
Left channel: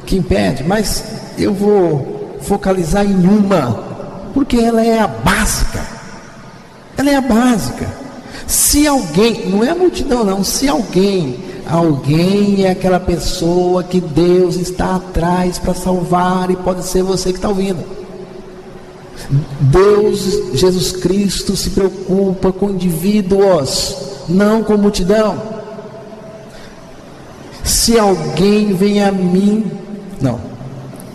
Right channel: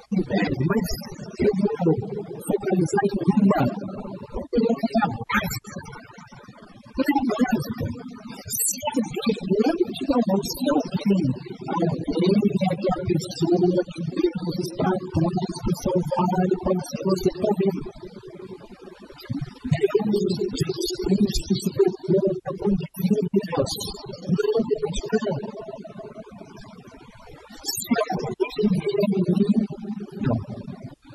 que impede, mas eu vou focalizar em uma, porque ela é a básica. Ela é a básica. Se alguém, não é a multidão não, se alguém é aquela pessoa que Deus está atrás para salvar, e pode ser você que está ouvindo. Deus, Jesus Cristo, se preocupa com indivíduos, não com multidão. Se alguém vem a mim,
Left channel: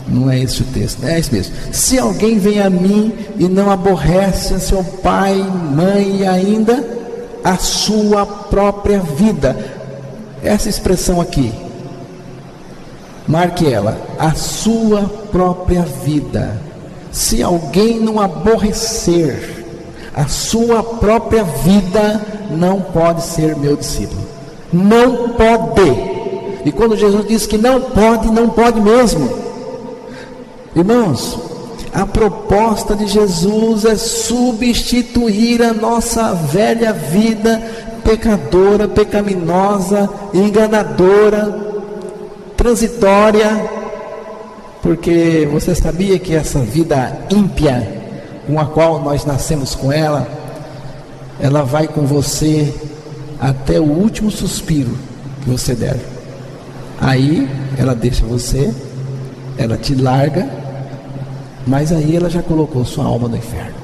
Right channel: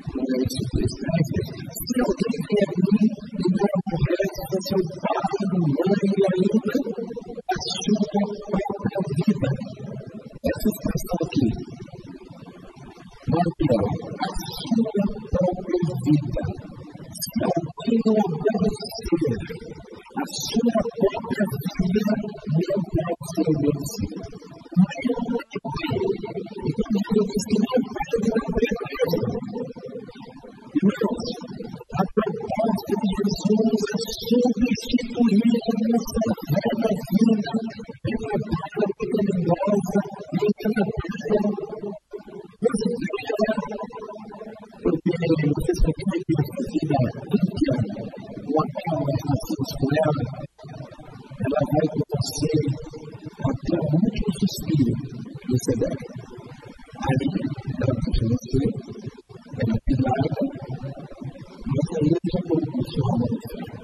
não é esse o texto, é esse mesmo. Se alguém vem a mim e não aborrece a seu pai, mãe e ainda a sua própria vida. Essa expressão aqui, marque ela, a sua própria vida. Se alguém não aborrecer a sua própria vida, não pode ser meu discípulo. Não pode. E quando Jesus diz que não pode mesmo. Irmãos, a proposta de Jesus é substituir a nossa velha vida pecadora, pecaminosa, enganadora, transitória, porque você sabia que essa vida ímpia com a qual nós nascemos com ela vai com você até o último suspiro que você der. Aí ela deixa você, ela te larga, mas aí ela já colocou sua alma no inferno.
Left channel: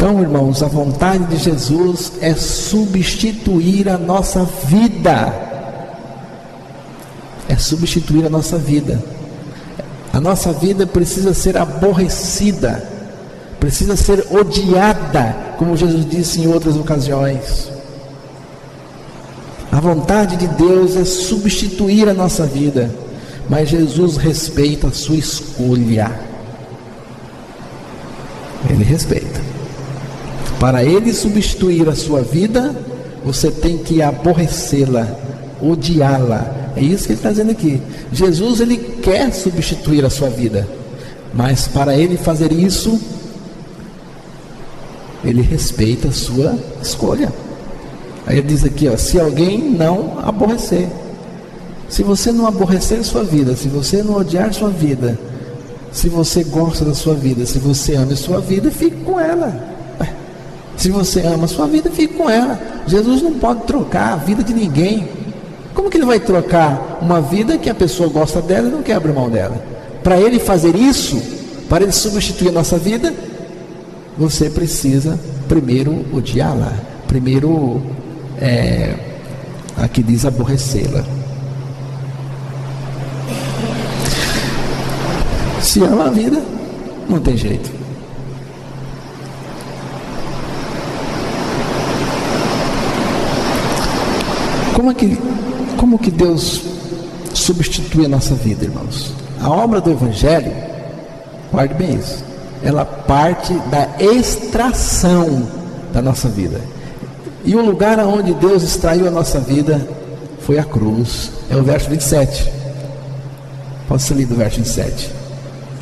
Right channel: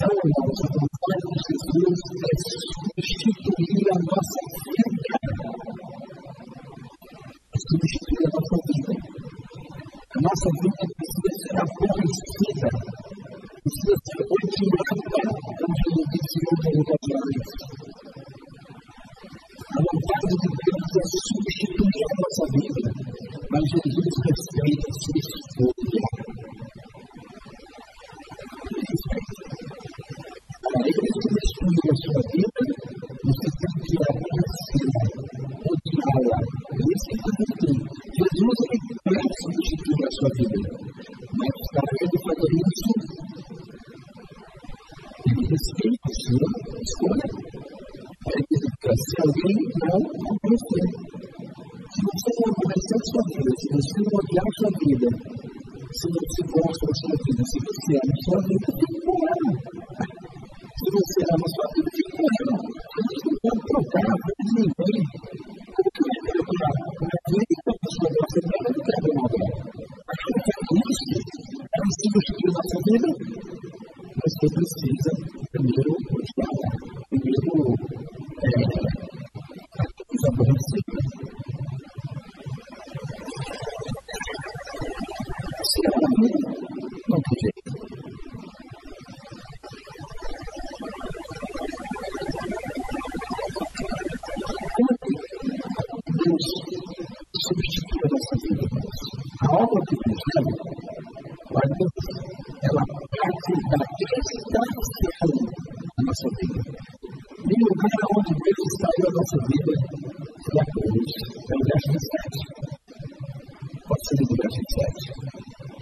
Então, irmãos, a vontade de Jesus é substituir a nossa vida. É substituir a nossa vida. A nossa vida precisa ser aborrecida, precisa ser odiada, como Jesus disse em outras ocasiões. A vontade de Deus é substituir a nossa vida, mas Jesus respeita a sua escolha. Ele respeita. Para Ele substituir a sua vida, você tem que aborrecê-la, odiá-la. É isso que Ele está dizendo aqui. Jesus, Ele quer substituir a sua vida, mas para Ele fazer isso, Ele respeita a sua escolha. Aí Ele diz aqui, se alguém não aborrecer, se você não aborrecer sua vida, se você não odiar sua vida, se você gosta da sua vida, se você ama a sua vida, fique com ela. Se você ama a sua vida, fique com ela. Jesus não pode trocar a vida de ninguém. Como que Ele vai trocar uma vida que a pessoa gosta dela e não quer abrir mão dela? Para Ele fazer isso, para Ele substituir a nossa vida, você precisa primeiro odiá-la, primeiro, aqui diz, aborrecê-la. Se ama a vida, não tem jeito. Como que Deus substitui a nossa vida, irmãos? A obra do Evangelho, guarde bem isso, ela parte da extração da nossa vida. E o lugar onde Deus extraiu a nossa vida foi a cruz. É o verso 27. Pode ser lido o verso 27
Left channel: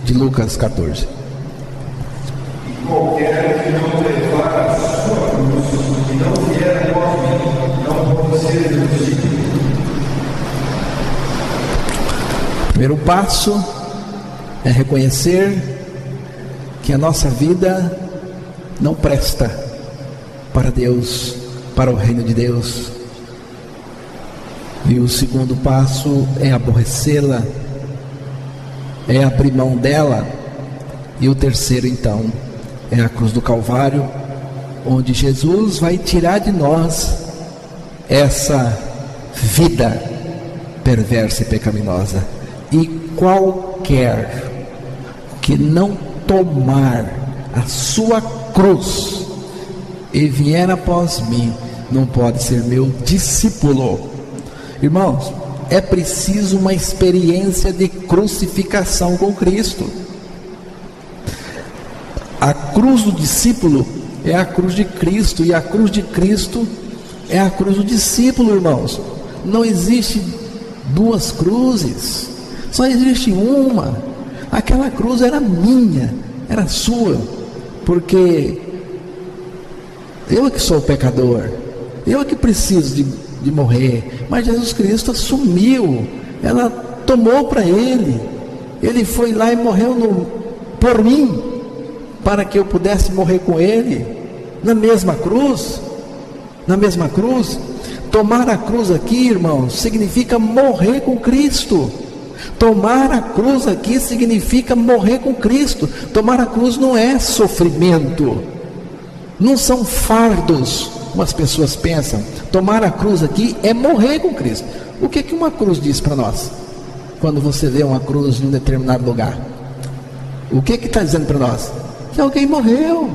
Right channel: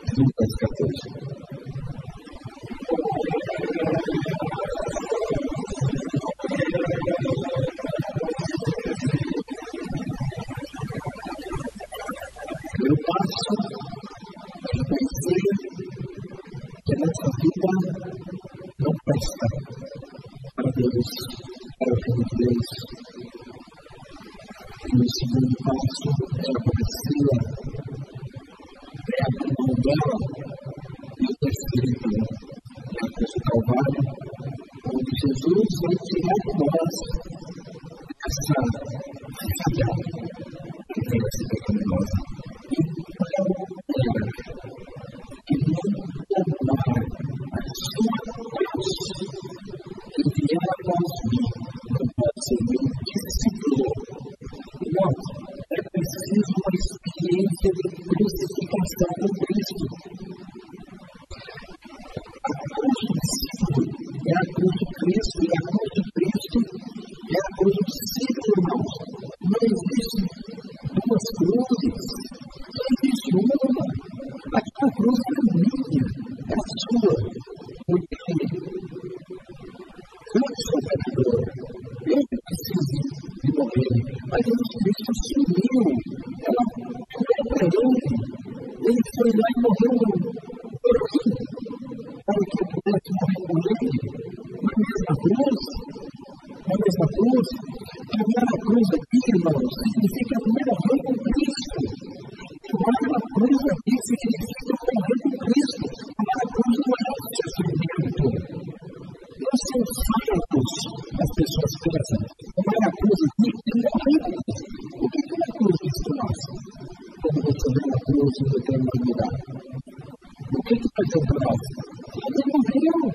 de Lucas 14. E qualquer que não levar a sua cruz e não vier após mim, não pode ser meu discípulo. O primeiro passo é reconhecer que a nossa vida não presta para Deus, para o reino de Deus. E o segundo passo é aborrecê-la, é abrir mão dela. E o terceiro, então, é a cruz do Calvário, onde Jesus vai tirar de nós essa vida perversa e pecaminosa. E qualquer que não tomar a sua cruz e vier após mim, não pode ser meu discípulo. Irmãos, é preciso uma experiência de crucificação com Cristo. A cruz do discípulo é a cruz de Cristo, e a cruz de Cristo é a cruz do discípulo, irmãos. Não existe duas cruzes, só existe uma. Aquela cruz era minha, era sua, porque eu é que sou o pecador, eu é que preciso de morrer, mas Jesus Cristo assumiu, ela tomou para Ele, Ele foi lá e morreu por mim, para que eu pudesse morrer com Ele, na mesma cruz. Tomar a cruz aqui, irmãos, significa morrer com Cristo. Tomar a cruz aqui significa morrer com Cristo. Tomar a cruz não é sofrimento, não são fardos, como as pessoas pensam. Tomar a cruz aqui é morrer com Cristo. O que uma cruz diz para nós? Quando você vê uma cruz em um determinado lugar, o que está dizendo para nós? Que alguém morreu.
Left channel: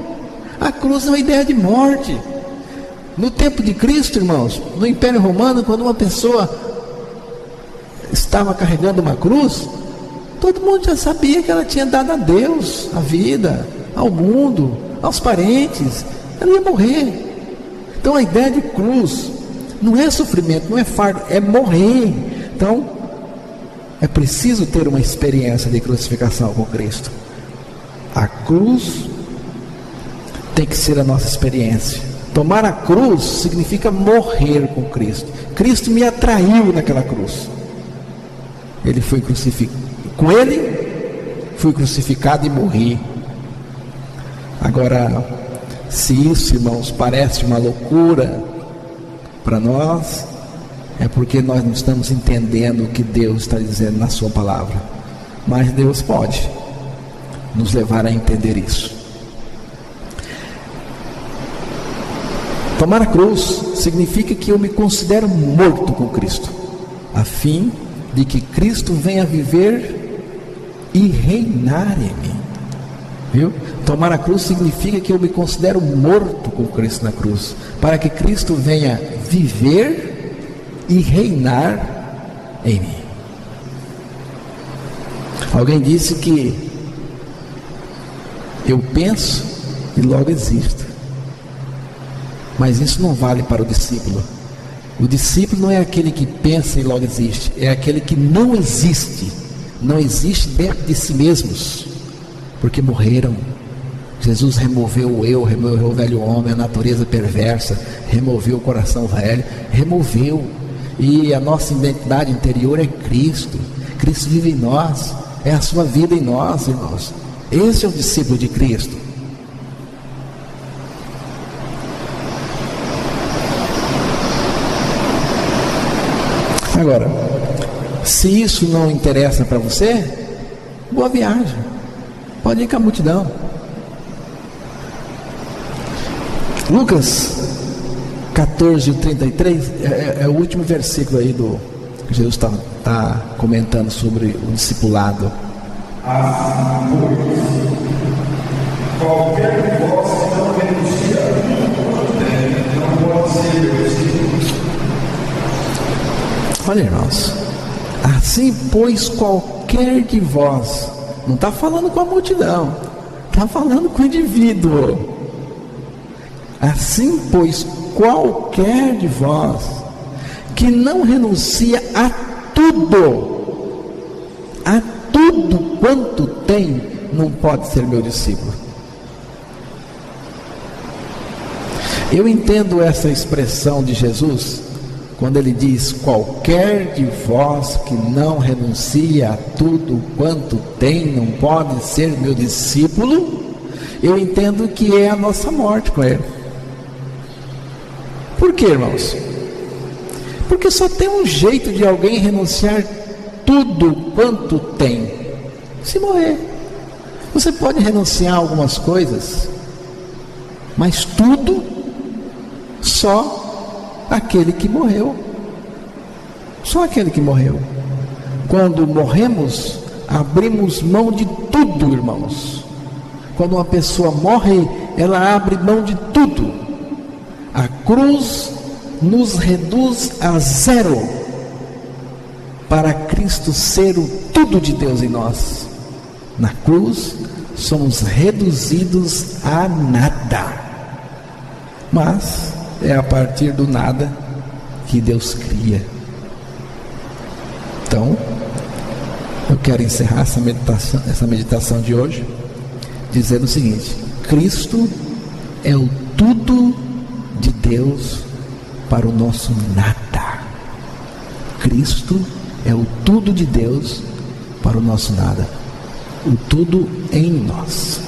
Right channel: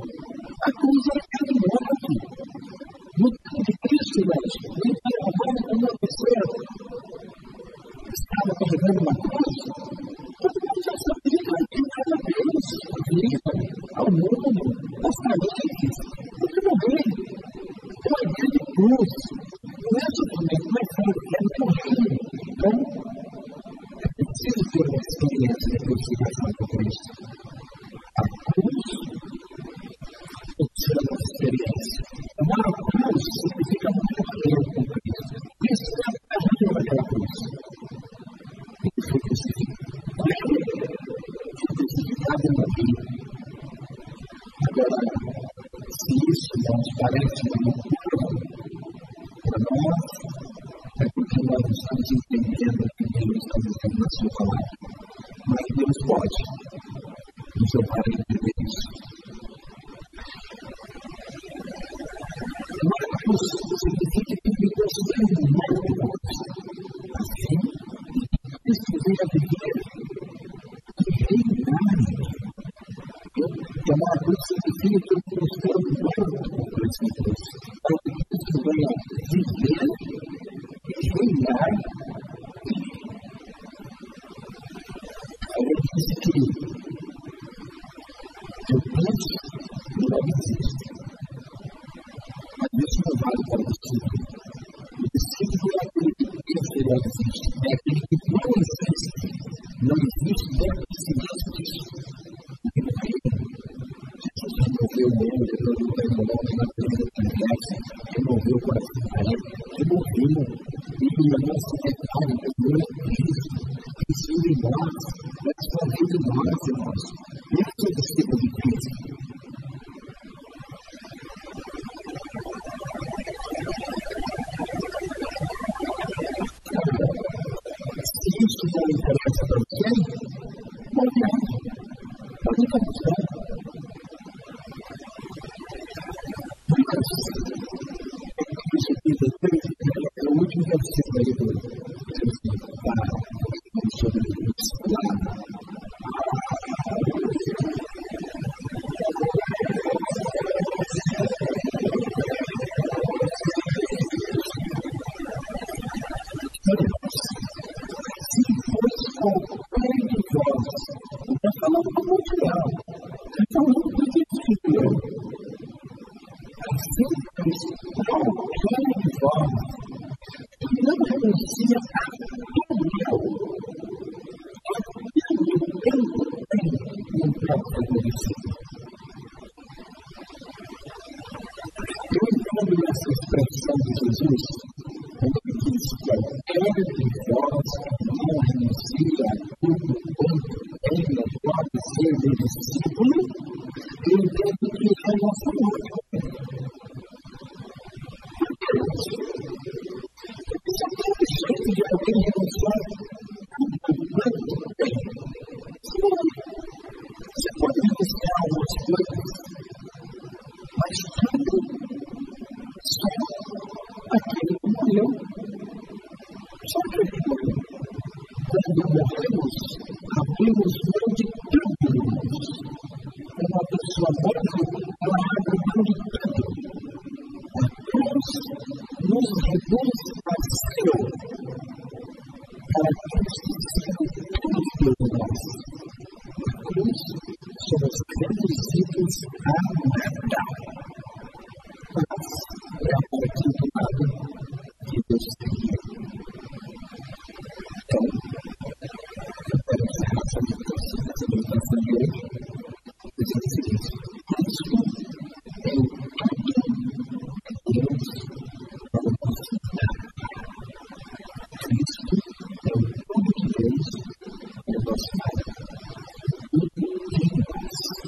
A cruz é uma ideia de morte. No tempo de Cristo, irmãos, no Império Romano, quando uma pessoa estava carregando uma cruz, todo mundo já sabia que ela tinha dado a Deus a vida, ao mundo, aos parentes. Ela ia morrer. Então a ideia de cruz não é sofrimento, não é fardo, é morrer. Então é preciso ter uma experiência de crucificação com Cristo. A cruz tem que ser a nossa experiência. Tomar a cruz significa morrer com Cristo. Cristo me atraiu naquela cruz. Ele foi crucificado, com Ele fui crucificado e morri. Agora, se isso, irmãos, parece uma loucura para nós, é porque nós não estamos entendendo o que Deus está dizendo na sua palavra. Mas Deus pode nos levar a entender isso. Tomar a cruz significa que eu me considero morto com Cristo, a fim de que Cristo venha viver e reinar em mim. Viu? Tomar a cruz significa que eu me considero morto com Cristo na cruz, para que Cristo venha viver e reinar em mim. Alguém disse que eu penso e logo existo, mas isso não vale para o discípulo. O discípulo não é aquele que pensa e logo existe, é aquele que não existe dentro de si mesmos, porque morreram. Jesus removeu o eu, removeu o velho homem, a natureza perversa, removeu o coração velho, removeu, e a nossa identidade interior é Cristo. Cristo vive em nós, é a sua vida em nós, irmãos. Esse é o discípulo de Cristo. Agora, se isso não interessa para você, boa viagem, pode ir com a multidão. Lucas 14:33 é o último versículo aí do que Jesus está comentando sobre o discipulado. Assim, pois, qualquer de vós que não renuncia a tudo quanto tem, não pode ser meu discípulo. Olha, irmãos, assim, pois, qualquer de vós, não está falando com a multidão, está falando com o indivíduo. Assim, pois, qualquer de vós que não renuncia a tudo quanto tem, não pode ser meu discípulo. Eu entendo essa expressão de Jesus quando ele diz: qualquer de vós que não renuncia a tudo quanto tem, não pode ser meu discípulo. Eu entendo que é a nossa morte com ele. Por quê, irmãos? Porque só tem um jeito de alguém renunciar tudo quanto tem: se morrer. Você pode renunciar a algumas coisas, mas tudo, só aquele que morreu. Só aquele que morreu. Quando morremos, abrimos mão de tudo, irmãos. Quando uma pessoa morre, ela abre mão de tudo. A cruz nos reduz a zero, para Cristo ser o tudo de Deus em nós. Na cruz somos reduzidos a nada, mas é a partir do nada que Deus cria. Então, eu quero encerrar essa meditação de hoje dizendo o seguinte: Cristo é o tudo de Deus para o nosso nada. Cristo é o tudo de Deus para o nosso nada, o tudo em nós.